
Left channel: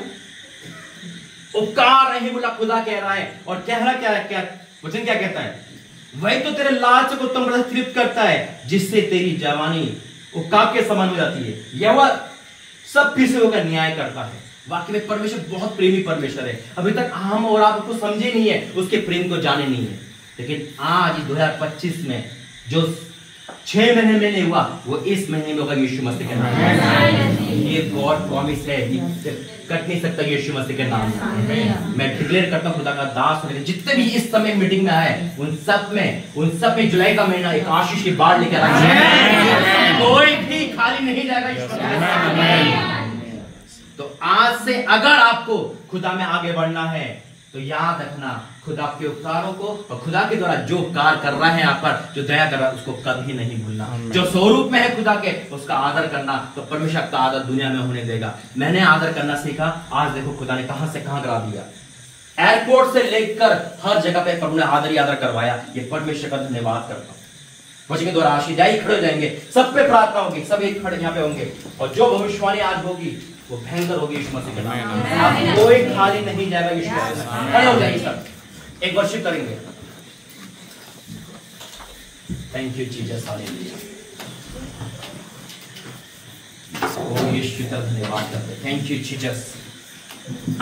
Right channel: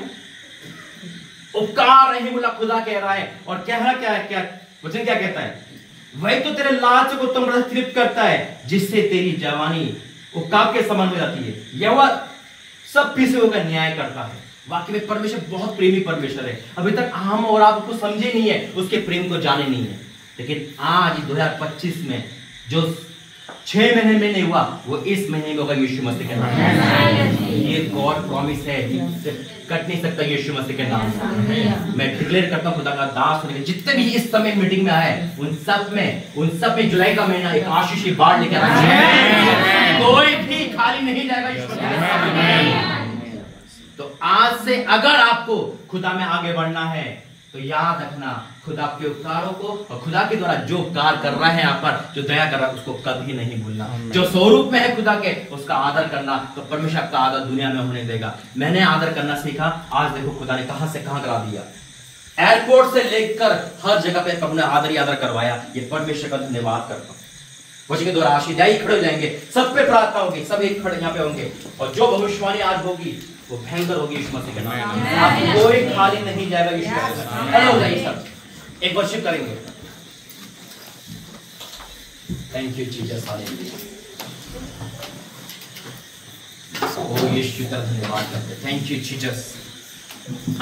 उपकार नहीं भूला खुदा कह रहा है। और कह रहा क्या वचन क्या कहता है? वही तो तेरे लाल से को उत्तम पर्दा से तृप्त करता है, जिससे तेरी जवानी उपकार के समान हो जाती है। यह वह सब पीछे का न्याय करता है। वाकई में परमेश्वर बहुत प्रेमी परमेश्वर है। अभी तक हम और आप उसको समझे नहीं है, उसके प्रेम को जाने नहीं है। लेकिन आज 2025 में जो 6 महीने में नहीं हुआ, वो इस महीने में होगा यीशु मसीह के नाम में। ये गॉड प्रॉमिस है, कट नहीं सकता यीशु मसीह के नाम में। मैं डिक्लेयर करता हूं खुदा का दास होने जितने भी इस समय मीटिंग में आए, उन सब में जुलाई का महीना एक आशीष की बाढ़ लेकर आए। कोई भी खाली नहीं जाएगा। तो आज से अगर आपको खुदा में आगे बढ़ना है तो याद रखना, खुदा के उपकारों को और खुदा के द्वारा जो उपकार कर रहा है आप पर, जो दया कर रहा है, उसको कभी नहीं भूलना। जो स्वरूप में है खुदा के, उसका आदर करना, तो परमेश्वर का आदर दुनिया में होने देगा। मैंने आदर करना सीखा, आज देखो खुदा ने कहां से कहां करा दिया। एयरपोर्ट से लेकर हर जगह पे प्रभु ने आदर ही आदर करवाया। ये परमेश्वर का धन्यवाद करता हूं। वचन के द्वारा आशीष खड़े हो जाएंगे, सब पे प्रार्थना होगी, सब एक खड़े यहाँ पे होंगे, और जो भविष्यवाणी आज होगी वो भयंकर होगी यीशु मसीह के नाम में। आप कोई खाली नहीं जाएगा यीशु मसीह के नाम में। खड़े हो जाइए सब, एक वर्शिप करेंगे। Thank you Jesus, hallelujah. ओ यीशु का धन्यवाद करते, थैंक यू जीसस।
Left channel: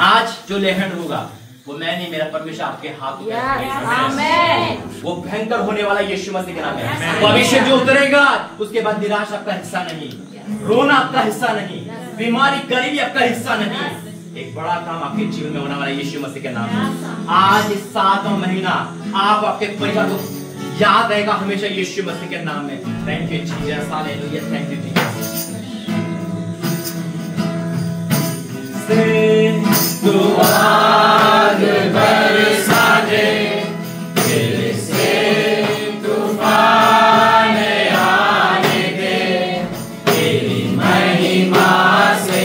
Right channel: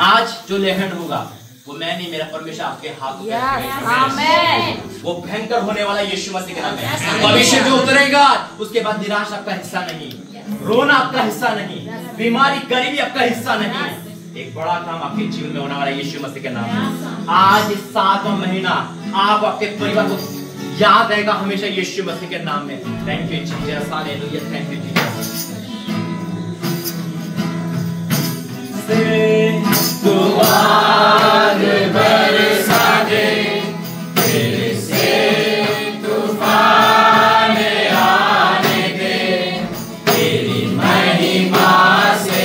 आज जो लेहन होगा वो मैं नहीं, मेरा परमेश्वर आपके हाथ में रखेगा। वो भयंकर होने वाला यीशु मसीह के नाम है। वो अभिषेक जो उतरेगा उसके बाद निराश आपका हिस्सा नहीं, रोना आपका हिस्सा नहीं, बीमारी गरीबी आपका हिस्सा नहीं। एक बड़ा काम आपके जीवन में होने वाला यीशु मसीह के नाम है। आज इस 7वां महीना आप आपके परिवार को याद रहेगा हमेशा यीशु मसीह के नाम में। Thank you Jesus, hallelujah, thank you Jesus. तूफान बरसा दे, तेरे से तूफान आने दे, तेरी महिमा से,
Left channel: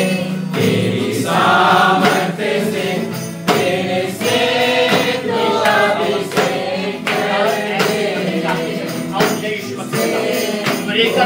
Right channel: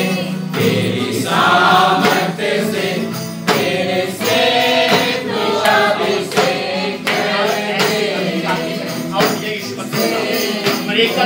तेरी सामर्थ से, तेरे से तू अभिषेक कर दे। आओ यीशु मसीह और एक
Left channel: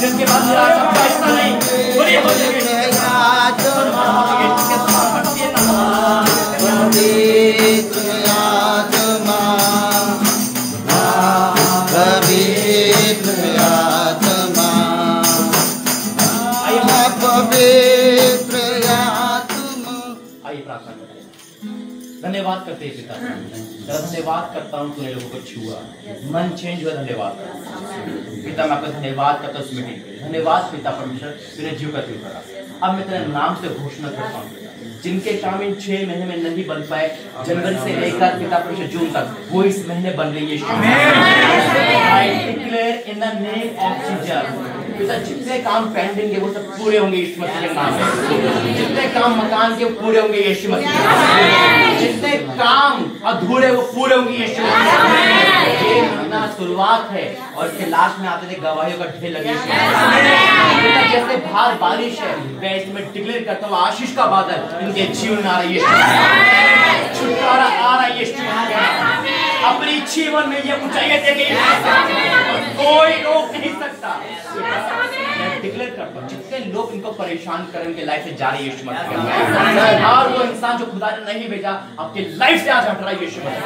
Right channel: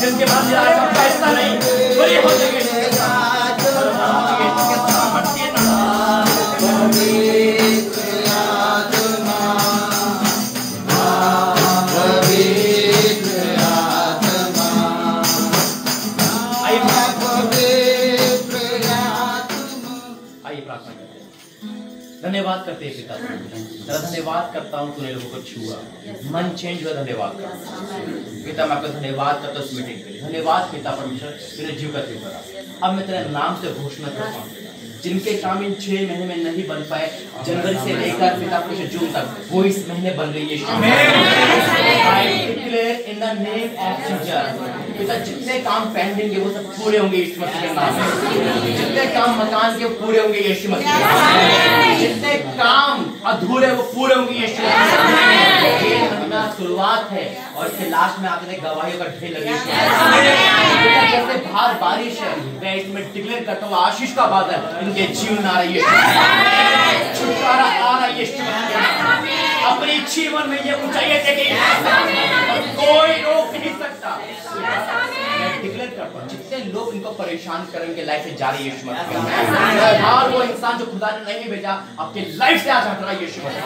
जिसके बाद आपका हिस्सा नहीं बड़ी हो जाएगी। आइए प्रार्थना करते हैं। धन्यवाद करते हैं पिता, तेरा धन्यवाद करता हूँ तूने लोगों को छुआ, मन चेंज हुआ। धन्यवाद पिता, मैं आपका धन्यवाद करता हूँ इस मीटिंग के लिए। धन्यवाद पिता परमेश्वर, तूने जीव करते हुए अब मैं तेरे नाम से घोषणा करता हूँ जिनके काम इन 6 महीने में नहीं बन पाए, जनवरी से लेकर पिता परमेश्वर जून तक, वो इस महीने बन रही है। I declare in the name of Jesus, पिता जितने काम पेंडिंग है वो सब पूरे होंगे यीशु मसीह के नाम में। जितने काम मकान के वो पूरे होंगे यीशु मसीह के नाम में। जितने काम अधूरे वो पूरे होंगे यीशु मसीह के नाम में। ये महीना शुरुआत है और इसके लास्ट में आते थे गवाहियों का ढेर लगे। पिता जैसे बाहर बारिश है, मैं इसमें डिक्लेयर करता हूँ आशीष का बादल इनके जीवन आ रही है, छुटकारा आ रहा है यीशु मसीह के नाम में। अपनी जीवन में ये ऊंचाई और कोई रोक नहीं सकता। मैं डिक्लेयर करता हूँ जितने लोग इनको परेशान करेंगे लाइफ से जा रही है यीशु मसीह, और वो इंसान जो खुदा ने नहीं भेजा आपके लाइफ से आज हट रहा है यीशु मसीह।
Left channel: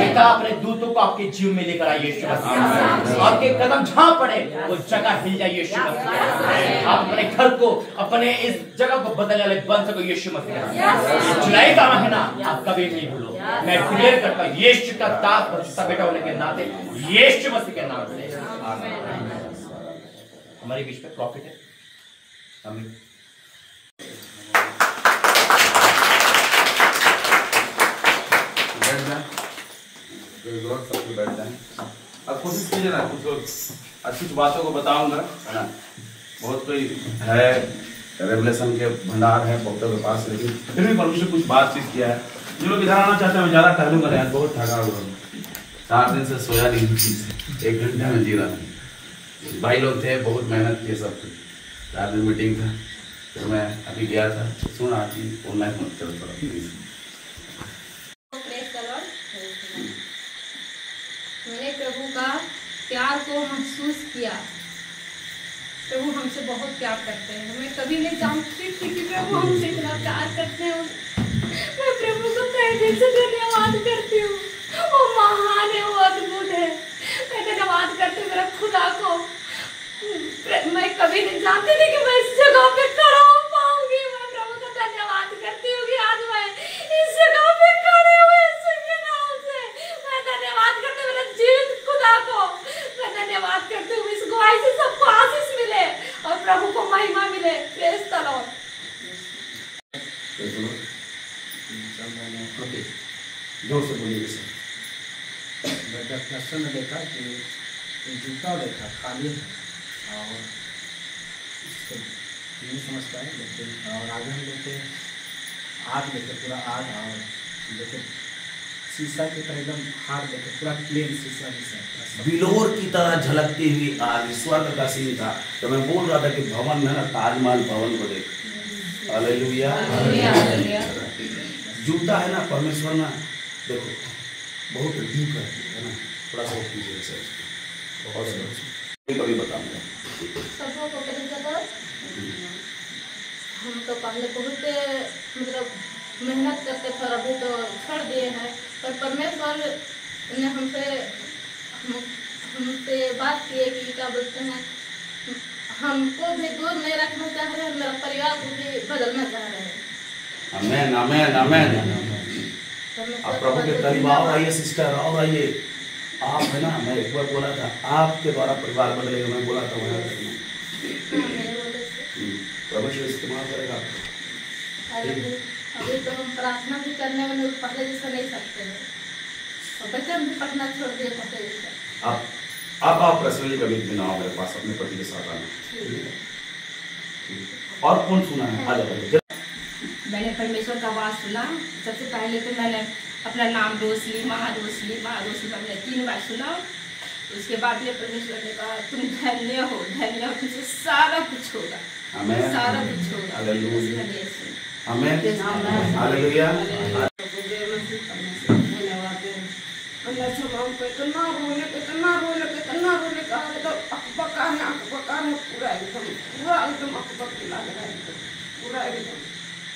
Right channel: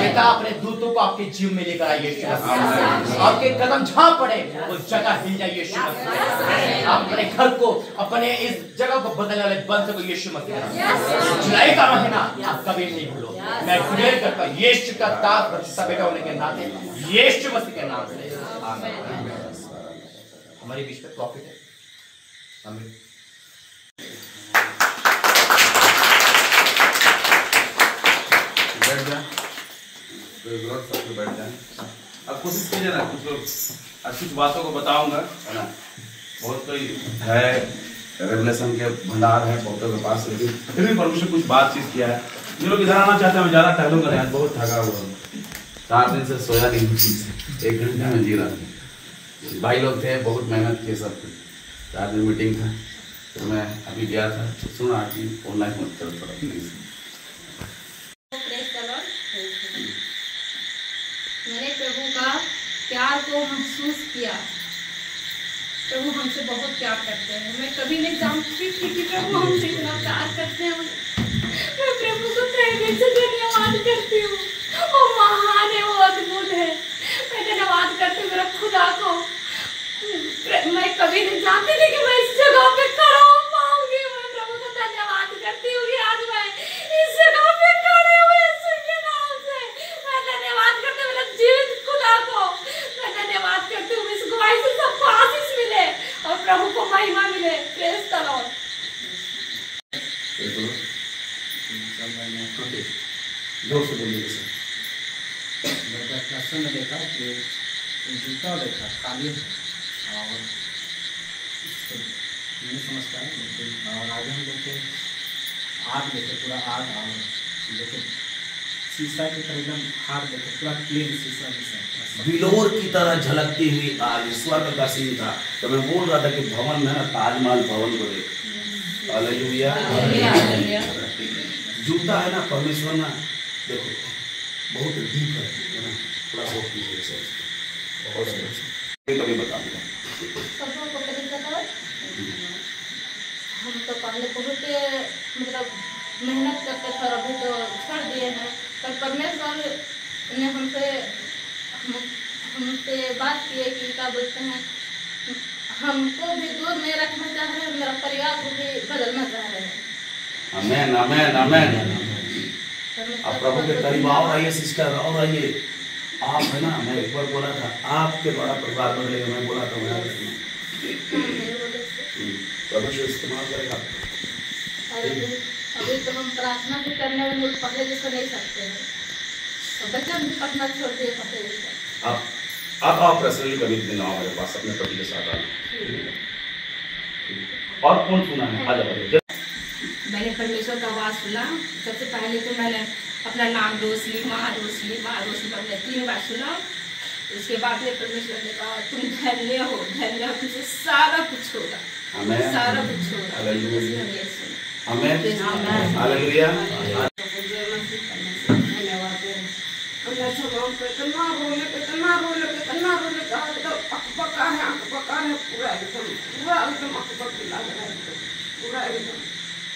बेटा अपने दूतों को आपके जीवन में लेकर आइए यीशु मसीह। आपके कदम जहाँ पड़े वो जगह हिल जाए यीशु मसीह। आप अपने घर को, अपने इस जगह को बदलने वाले बन सको यीशु मसीह। जुलाई का महीना आप कभी नहीं भूलो। मैं डिक्लेयर करता हूँ यीशु का दास बच्चा बेटा होने के नाते यीशु मसीह के नाम से आमीन। हमारे बीच में प्रॉफिट है। आमीन। बैठ जाए, बैठ जाए। अब कोशिश कीजिए ना, कुछ बातों को बताऊंगा, है ना। बहुत कोई है रेवलेशन के भंडार है बहुतों के पास, लेकिन फिर भी परमेश्वर कुछ बातचीत किया है। जो लोग इधर आना चाहते हैं, ज्यादा टहलूंगा। आज बहुत थका हुआ हूँ, 4 दिन से सोया नहीं, 1 घंटे में जी रहा हूँ। भाई लोग थे, बहुत मेहनत किए, सब 4 दिन मीटिंग था, तो मैं अभी गया था। सुना कि ऑनलाइन मत करो थोड़ा प्लीज। मैंने प्रभु का प्यार को महसूस किया। प्रभु हमसे बहुत प्यार करते हैं। मैं कभी नहीं जानती थी कि प्रभु हमसे इतना प्यार करते हैं। मैं प्रभु को तहे दिल से धन्यवाद करती हूँ। वो महान है, वो अद्भुत है। मैं धन्यवाद करती हूँ मेरे खुदा को। मैं कभी नहीं जानती थी कि मैं इस जगह पे खड़ा हो पाऊंगी। मैं प्रभु को धन्यवाद करती हूँ कि आज मैं इस जगह पे खड़े हुए के नाम से मैं धन्यवाद करती हूँ मेरे जीवित खुदा को। मैं धन्यवाद करती हूँ इस गवाही से सबको आशीष मिले और प्रभु को महिमा मिले। Praise the Lord. जोर से बोलिए सर। दर्शन में देखा कि जूता देखा खाली और नहीं समझ पाए, लेकिन और आगे हम देखे आग देखे, पूरा आग और देखे शीशा की तरह एकदम हार्ड देखे, पूरा क्लीन शीशा जैसा बिलोर की तरह झलकती हुई आग ईश्वर का सीन था। तो मैं बोल रहा था कि भवन है ना, ताजमहल भवन को देख। हालेलुया। जूता है ना परमेश्वर ना, देखो बहुत डीप है ना, थोड़ा सा कीजिए सर। और कभी बताऊंगा सबको हम तो पहले बहुत मतलब मेहनत करते थे, अभी तो छोड़ दिए हैं। पर परमेश्वर ने हमसे बात की है कि क्या बोलते हैं, हमको भी दूर नहीं रखना चाह रहे हैं, मेरा परिवार को भी बदलना चाह रहे हैं। आमेन आमेन आमेन। आप प्रभु के करीब और आइए सिस्टर, और आइए। आप है ना, मैं एक बार बोला था आपके द्वारा परिवार बदलेगा, मैं बोला था वहाँ प्रभु से इस्तेमाल करेगा। अभी तो हम प्रार्थना भी करने में पहले जैसा नहीं सकते हैं। बच्चा भी पढ़ना छोड़ दिया पता है। आप पर्सनली कभी दिन आओ मेरे पास अपने पति के साथ आना। और कौन सुना है? आ जाओ। मैंने परमेश्वर का आवाज सुना। सबसे पहले तो मैंने अपना नाम रोशनी माँ रोशनी मैंने 3 बार सुना। उसके बाद में परमेश्वर ने कहा तुम धन्य हो तुमसे सारा कुछ होगा, सारा कुछ होगा। हालेलुया।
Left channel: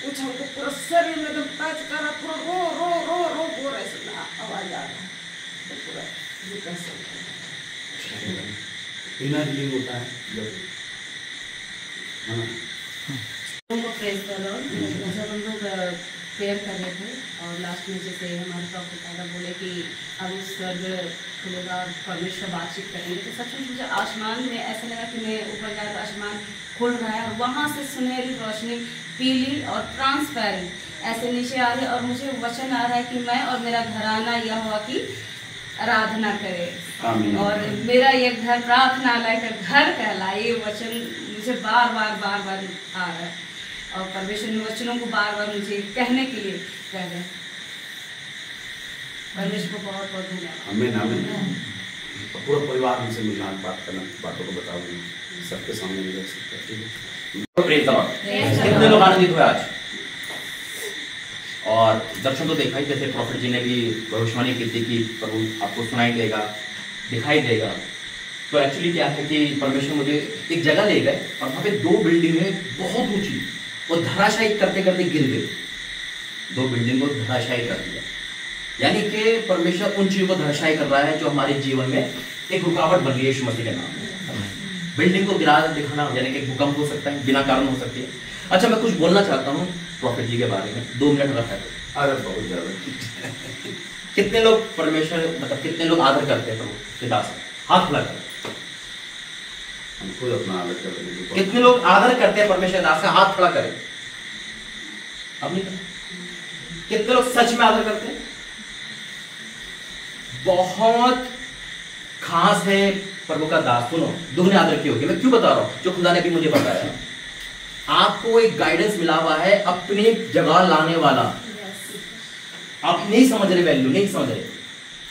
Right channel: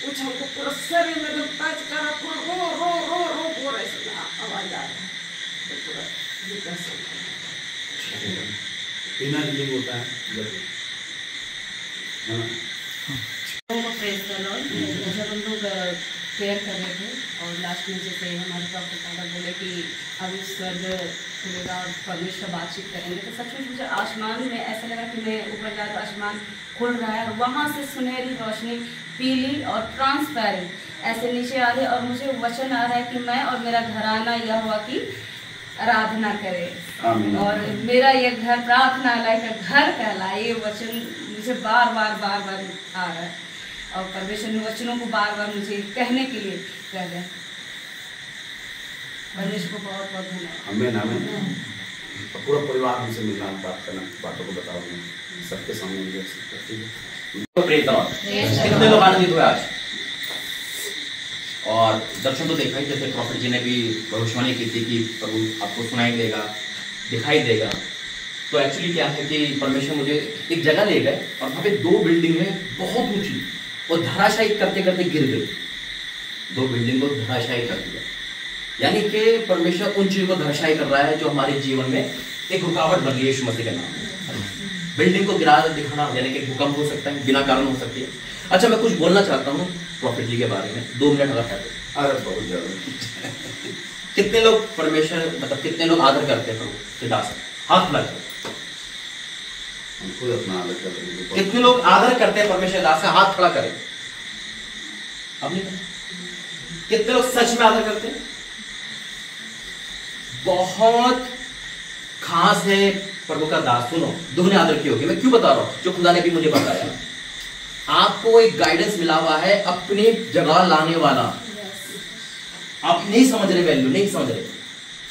कुछ हमको पूरा शरीर में एकदम टच करा, पूरा रो रो रो रो रो ऐसे आवाज आ रहा है, पूरा ये कैसे बिना हीलिंग होता है। जब हम लोग प्रेयर कर रहे थे और लास्ट में जैसे हमारे डॉक्टर दादा बोले कि अब स्वर्ग खुलेगा और परमेश्वर बातचीत करेंगे, तो सचमुच मुझे आसमान में ऐसा लगा कि मैं ऊपर जाकर आसमान खुल रहा है और वहाँ से सुनहरी रोशनी पीली और ट्रांसपेरेंट ऐसे नीचे आ रही है और मुझे वचन आ रहा है कि मैं और मेरा घराना यहोवा की आराधना करे और मेरा ये घर प्रार्थनालय का घर कहलाए। ये वचन मुझे बार बार आ रहा है और परमेश्वर ने वचनों को बार बार मुझे कहने के लिए कह रहे हैं। परमेश्वर को बहुत बहुत धन्यवाद। आमीन। पूरा परिवार हमसे मिलना बात करना, बातों को बताओगे सबके सामने। कितने लोग आनंदित हुए आज? और दर्शन तो देखा ही, जैसे प्रॉफिट जी ने भी भविष्यवाणी की थी कि प्रभु आपको सुनाई देगा, दिखाई देगा। तो एक्चुअली क्या है कि परमेश्वर मुझे एक जगह ले गए और वहाँ पे 2 बिल्डिंग है बहुत ऊंची, वो धराशायी करते करते गिर गई। 2 बिल्डिंग को धराशायी कर दिया, यानी कि परमेश्वर उन चीजों को धराशायी कर रहा है जो हमारे जीवन में एक रुकावट बन रही है। यीशु मसीह के नाम में बिल्डिंग को गिरा दिखाना, यानी कि भूकंप हो सकता है, बिना कारण हो सकती है। अच्छा, मैं कुछ बोलना चाहता हूँ प्रॉफिट जी के बारे में, 2 मिनट रखा है। अरे बहुत ज्यादा। कितने लोग परमेश्वर मतलब कितने लोग आदर करते हैं प्रभु के दास? हाथ लगा। हम खुद अपना आदर कर रहे हैं। कितने लोग आदर करते हैं परमेश्वर दास से? हाथ खड़ा करें। अब नहीं करते? कितने लोग सच में आदर करते हैं? बहुत खास है प्रभु का दास। सुनो, दुगने आदर की होगी। मैं क्यों बता रहा हूं? जो खुदा ने भी मुझे बताया। आपको एक गाइडेंस मिला हुआ है अपनी जगह लाने वाला। आप नहीं समझ रहे, वैल्यू नहीं समझ रहे,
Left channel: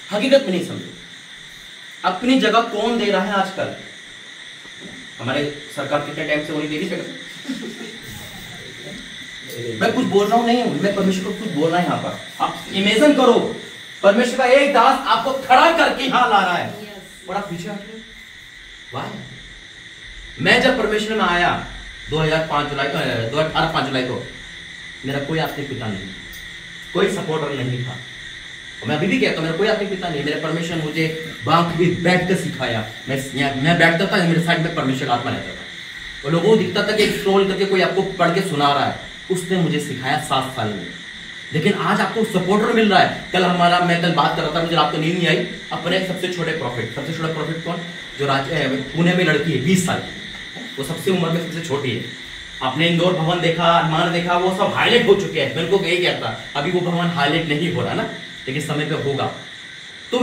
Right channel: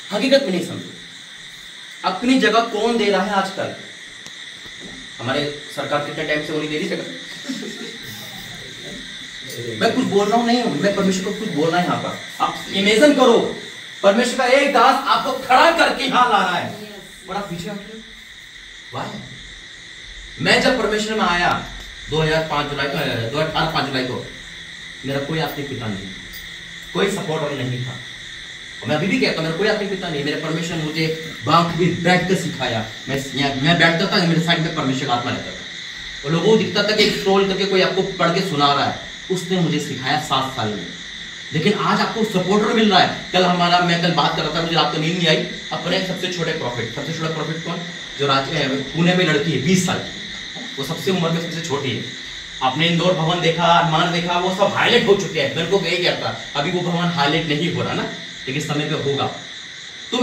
हकीकत में नहीं समझ। अपनी जगह कौन दे रहा है आजकल? हमारे सरकार कितने टाइम से वो नहीं दे रही जगह। मैं कुछ बोल रहा हूं नहीं हूं, मैं परमेश्वर को कुछ बोल रहा है यहाँ पर। आप इमेजिन करो, परमेश्वर का एक दास आपको खड़ा करके यहां ला रहा है और आप पीछे हट रहे हो। वाह! मैं जब परमेश्वर में आया 2005 जुलाई को मेरा कोई आत्मिक पिता नहीं, कोई सपोर्टर नहीं था। मैं अभी भी कहता हूं मेरा कोई आत्मिक पिता नहीं। मेरे परमेश्वर ने मुझे बैठ कर सिखाया। मैं बैठता था, मेरे साइड में परमेश्वर का आत्मा रहता था और लोगों को दिखता था कि स्क्रॉल करके कोई आपको पढ़ के सुना रहा है। उसने मुझे सिखाया 7 साल में। लेकिन आज आपको सपोर्टर मिल रहा है। मैं कल बात कर रहा था, मुझे रात को नींद नहीं आई। अपने सबसे छोटे प्रॉफिट, सबसे छोटा प्रॉफिट कौन? जो पुणे में लड़की है 20 साल, वो सबसे उम्र में सबसे छोटी है। आपने इंदौर भवन देखा, अरमान देखा, वो सब हाईलाइट हो चुके हैं। मेरे को यही कहता, अभी वो भवन हाईलाइट नहीं हो रहा ना, लेकिन समय पे होगा। तो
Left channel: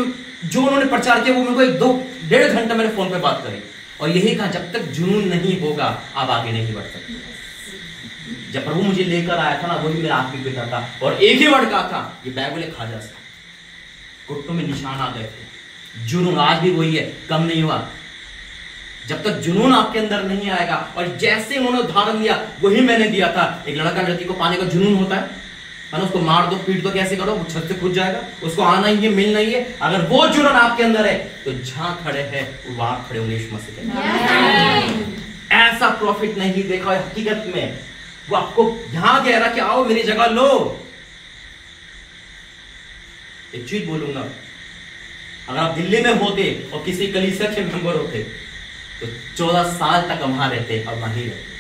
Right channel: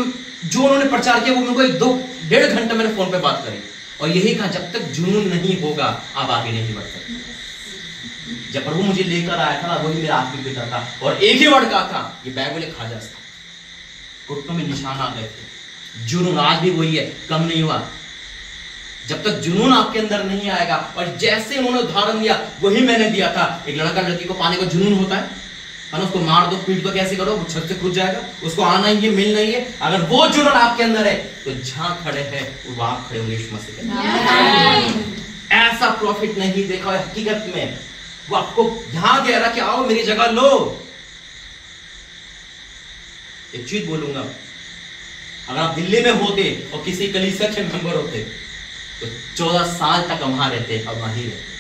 जो उन्होंने प्रचार किया वो मेरे को 1-2-1.5 घंटा मेरे फोन पे बात करी और यही कहा, जब तक जुनून नहीं होगा आप आगे नहीं बढ़ सकते। जब प्रभु मुझे लेकर आया था ना, वही मेरा आत्मिक पिता था और एक ही वर्ड कहा था, ये बाइबल खा जा सकता। घुटनों में निशान आ गए थे। जुनून आज भी वही है, कम नहीं हुआ। जब तक जुनून आपके अंदर नहीं आएगा, और जैसे उन्होंने उदाहरण दिया वही मैंने दिया था। एक लड़का लड़की को पाने का जुनून होता है ना, उसको मार दो, पीट दो, कैसे करो, वो छत से कूद जाएगा। उसको आना ही है, मिलना ही है। अगर वो जुनून आपके अंदर है तो जहां खड़े हैं वहां खड़े होंगे यीशु मसीह के नाम। ऐसा प्रॉफिट नहीं देखा है हकीकत में। वो आपको यहां कह रहा कि आओ मेरी जगह लो। एक चीज बोलूंगा, अगर आप दिल्ली में होते और किसी कलीसिया के मेंबर होते तो 14 साल तक वहां रहते और वहीं रहते।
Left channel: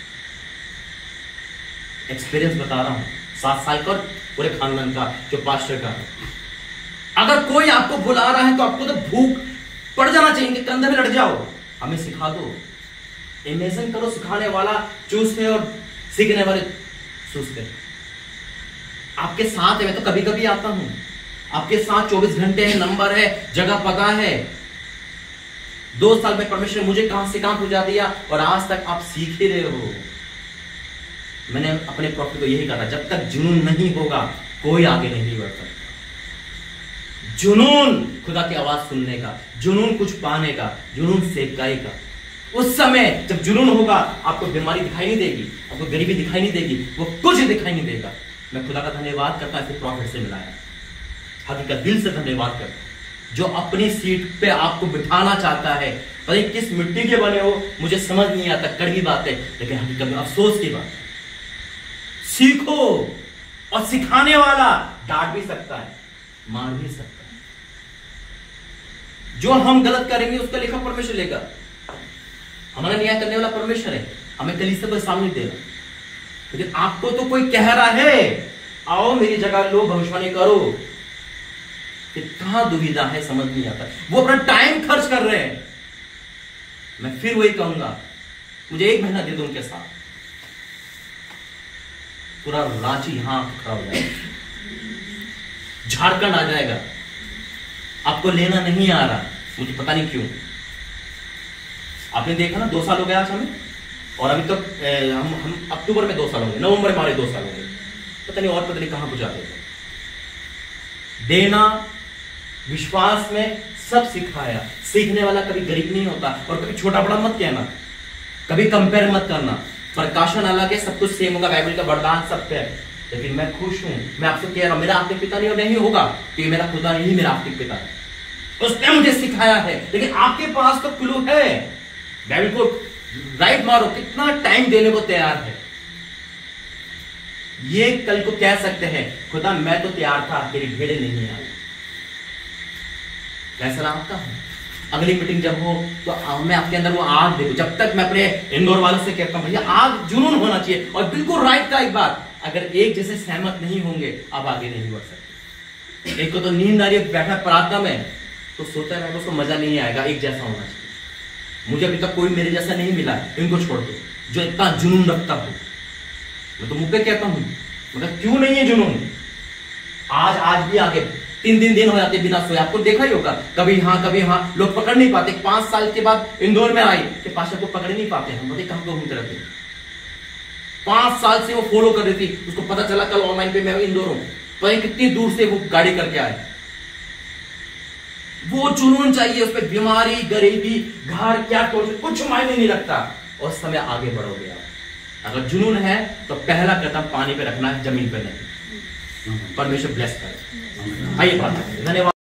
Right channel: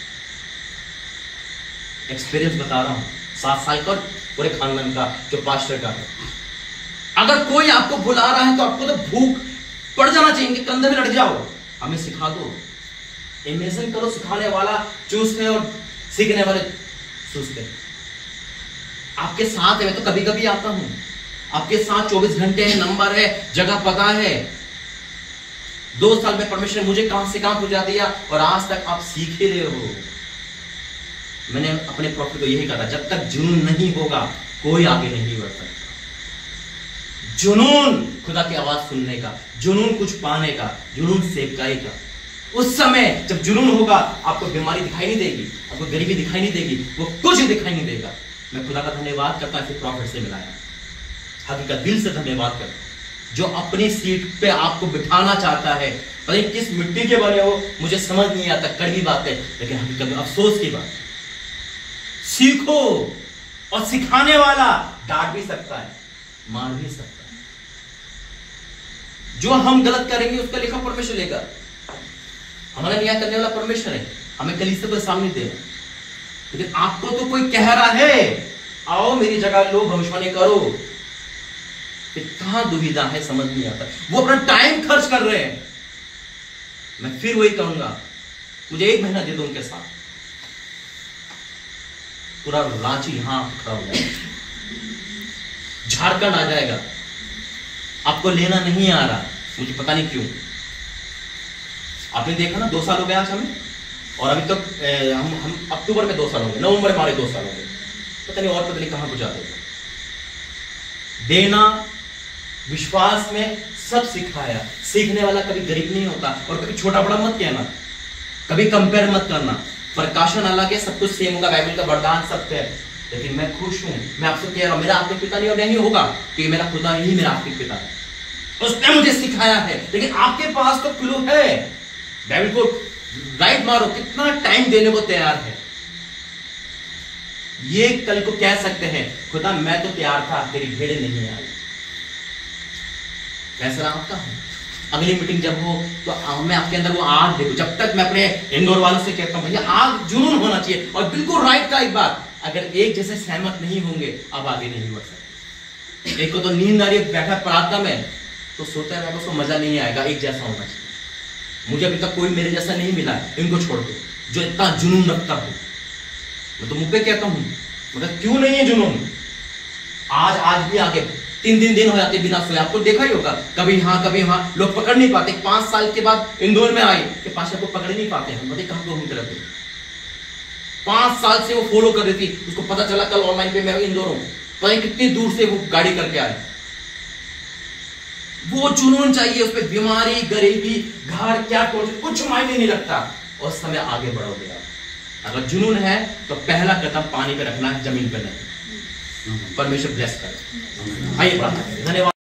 एक्सपीरियंस बता रहा हूं, 7 साल का पूरे खानदान का, जो पास्टर का है। अगर कोई आपको बुला रहा है तो आपको तो भूख पड़ जाना चाहिए, कंधे में लड़ जाओ, हमें सिखा दो। इमेजिन करो, सिखाने वाला चूसते और सीखने वाले चूसते। आपके साथ है, मैं तो कभी कभी आता हूं, आपके साथ 24 घंटे है, नंबर है, जगह पता है। 2 साल में परमेश्वर ने मुझे कहां से कहां पहुंचा दिया और आज तक आप सीख ही रहे हो। मैंने अपने प्रॉफिट को यही कहा था, जब तक जुनून नहीं होगा कोई आगे नहीं बढ़ सकता। जुनून खुदा की आवाज सुनने का, जुनून कुछ पाने का, जुनून सेवकाई का। उस समय जब जुनून होगा आपको बीमारी दिखाई नहीं देगी, आपको गरीबी दिखाई नहीं देगी, वो कुछ दिखाई नहीं देगा। मैं खुदा का धन्यवाद करता हूं ऐसे प्रॉफिट से मिलाया, हकीकत दिल से धन्यवाद करता हूं। जो अपनी सीट पे आपको बिठाना चाहता है, पता नहीं किस मिट्टी के बने हो, मुझे समझ नहीं आता, कड़वी बात है, लेकिन हकीकत में अफसोस की बात। सीखो, और सिखाने वाला डांट भी सकता है, मार भी सकता है। जो हम गलत करेंगे उसका लेखा परमेश्वर लेगा। हमारा न्याय करने वाला परमेश्वर है, हमें कलीसिया को सामने देना। लेकिन आपको तो कोई कह रहा है आओ मेरी जगह लो, भविष्यवाणी करो, कि कहां दुविधा है समझ नहीं आता। वो अपना टाइम खर्च कर रहे हैं। मैं फिर वही कहूंगा, मुझे 1 महीना दे दो उनके साथ, पूरा रांची यहां खड़ा हो जाएगा, झारखंड आ जाएगा। आपको लेना नहीं आ रहा, मुझे पता नहीं क्यों। आपने देखा ना 2 साल हो गया आज हमें, और अभी तक हम अक्टूबर में 2 साल होंगे, नवंबर में हमारे 2 साल होंगे, पता नहीं और पता नहीं कहां पहुंचा देगा। देना विश्वास में सब सिखाया। सीखने वाला कभी गरीब नहीं होता, और कभी छोटा बड़ा मत कहना, कभी कंपेयर मत करना। प्रकाशन अलग है, सब कुछ सेम होगा, बाइबल का वरदान सत्य है। लेकिन मैं खुश हूं, मैं आपसे कह रहा हूं, मेरा आत्मिक पिता नहीं होगा, कि मेरा खुदा ही मेरा आत्मिक पिता है, उसने मुझे सिखाया है। लेकिन आपके पास तो क्लू है, बाइबल को राइट मारो, कितना टाइम देने को तैयार है। ये कल को कह सकते हैं खुदा मैं तो तैयार था, तेरी भेड़ें नहीं आई। फैसला आपका है। अगली मीटिंग जब हो तो मैं आपके अंदर वो आग देखो। जब तक मैं अपने इंदौर वालों से कहता हूं भैया आग जुनून होना चाहिए, और बिल्कुल राइट का एक बात, अगर एक जैसे सहमत नहीं होंगे आप आगे नहीं बढ़ सकते। एक को तो नींद आ रही है, बैठा प्रार्थना में तो सोता है उसको मजा नहीं आएगा, एक जैसा होना चाहिए। मुझे अभी तक कोई मेरे जैसा नहीं मिला है, इनको छोड़ दो जो इतना जुनून रखता हो। मैं तो मुंह पे कहता हूं, मतलब क्यों नहीं है जुनून। आज भी आगे 3 दिन हो जाते बिना सोए। आपको देखा ही होगा, कभी यहाँ कभी वहां, लोग पकड़ नहीं पाते। 5 साल के बाद इंदौर में आई कि पाशा को पकड़ नहीं पाते, हम बताइए कहां घूमते रहते। 5 साल से वो फॉलो कर रही थी, उसको पता चला कल ऑनलाइन पे मैं इंदौर हूं, पता नहीं कितनी दूर से वो गाड़ी करके आए। वो जुनून चाहिए, उस पर बीमारी गरीबी घर क्या कुछ मायने नहीं रखता, और समय आगे बढ़ोगे आप। अगर जुनून है तो पहला कदम पानी पे रखना है, जमीन पे नहीं। परमेश्वर ब्लेस करे। आइए प्रार्थना करें। धन्यवाद।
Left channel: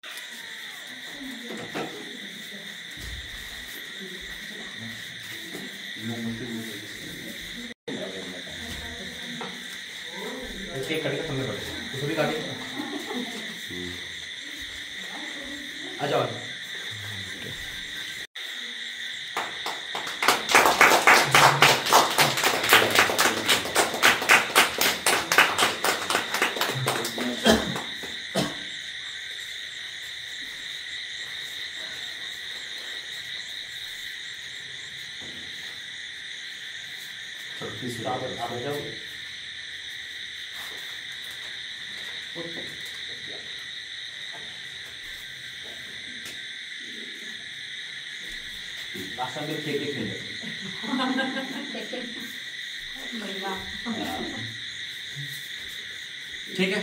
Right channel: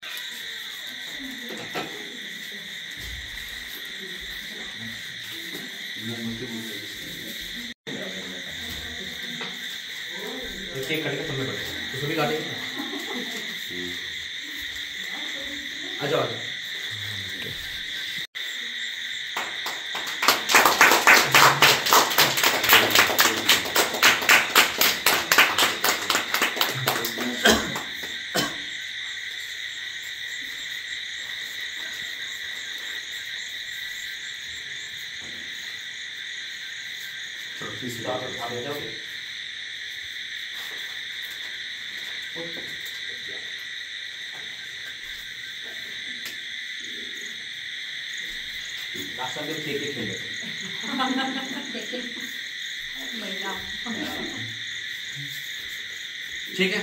आ जाओ। ठीक है।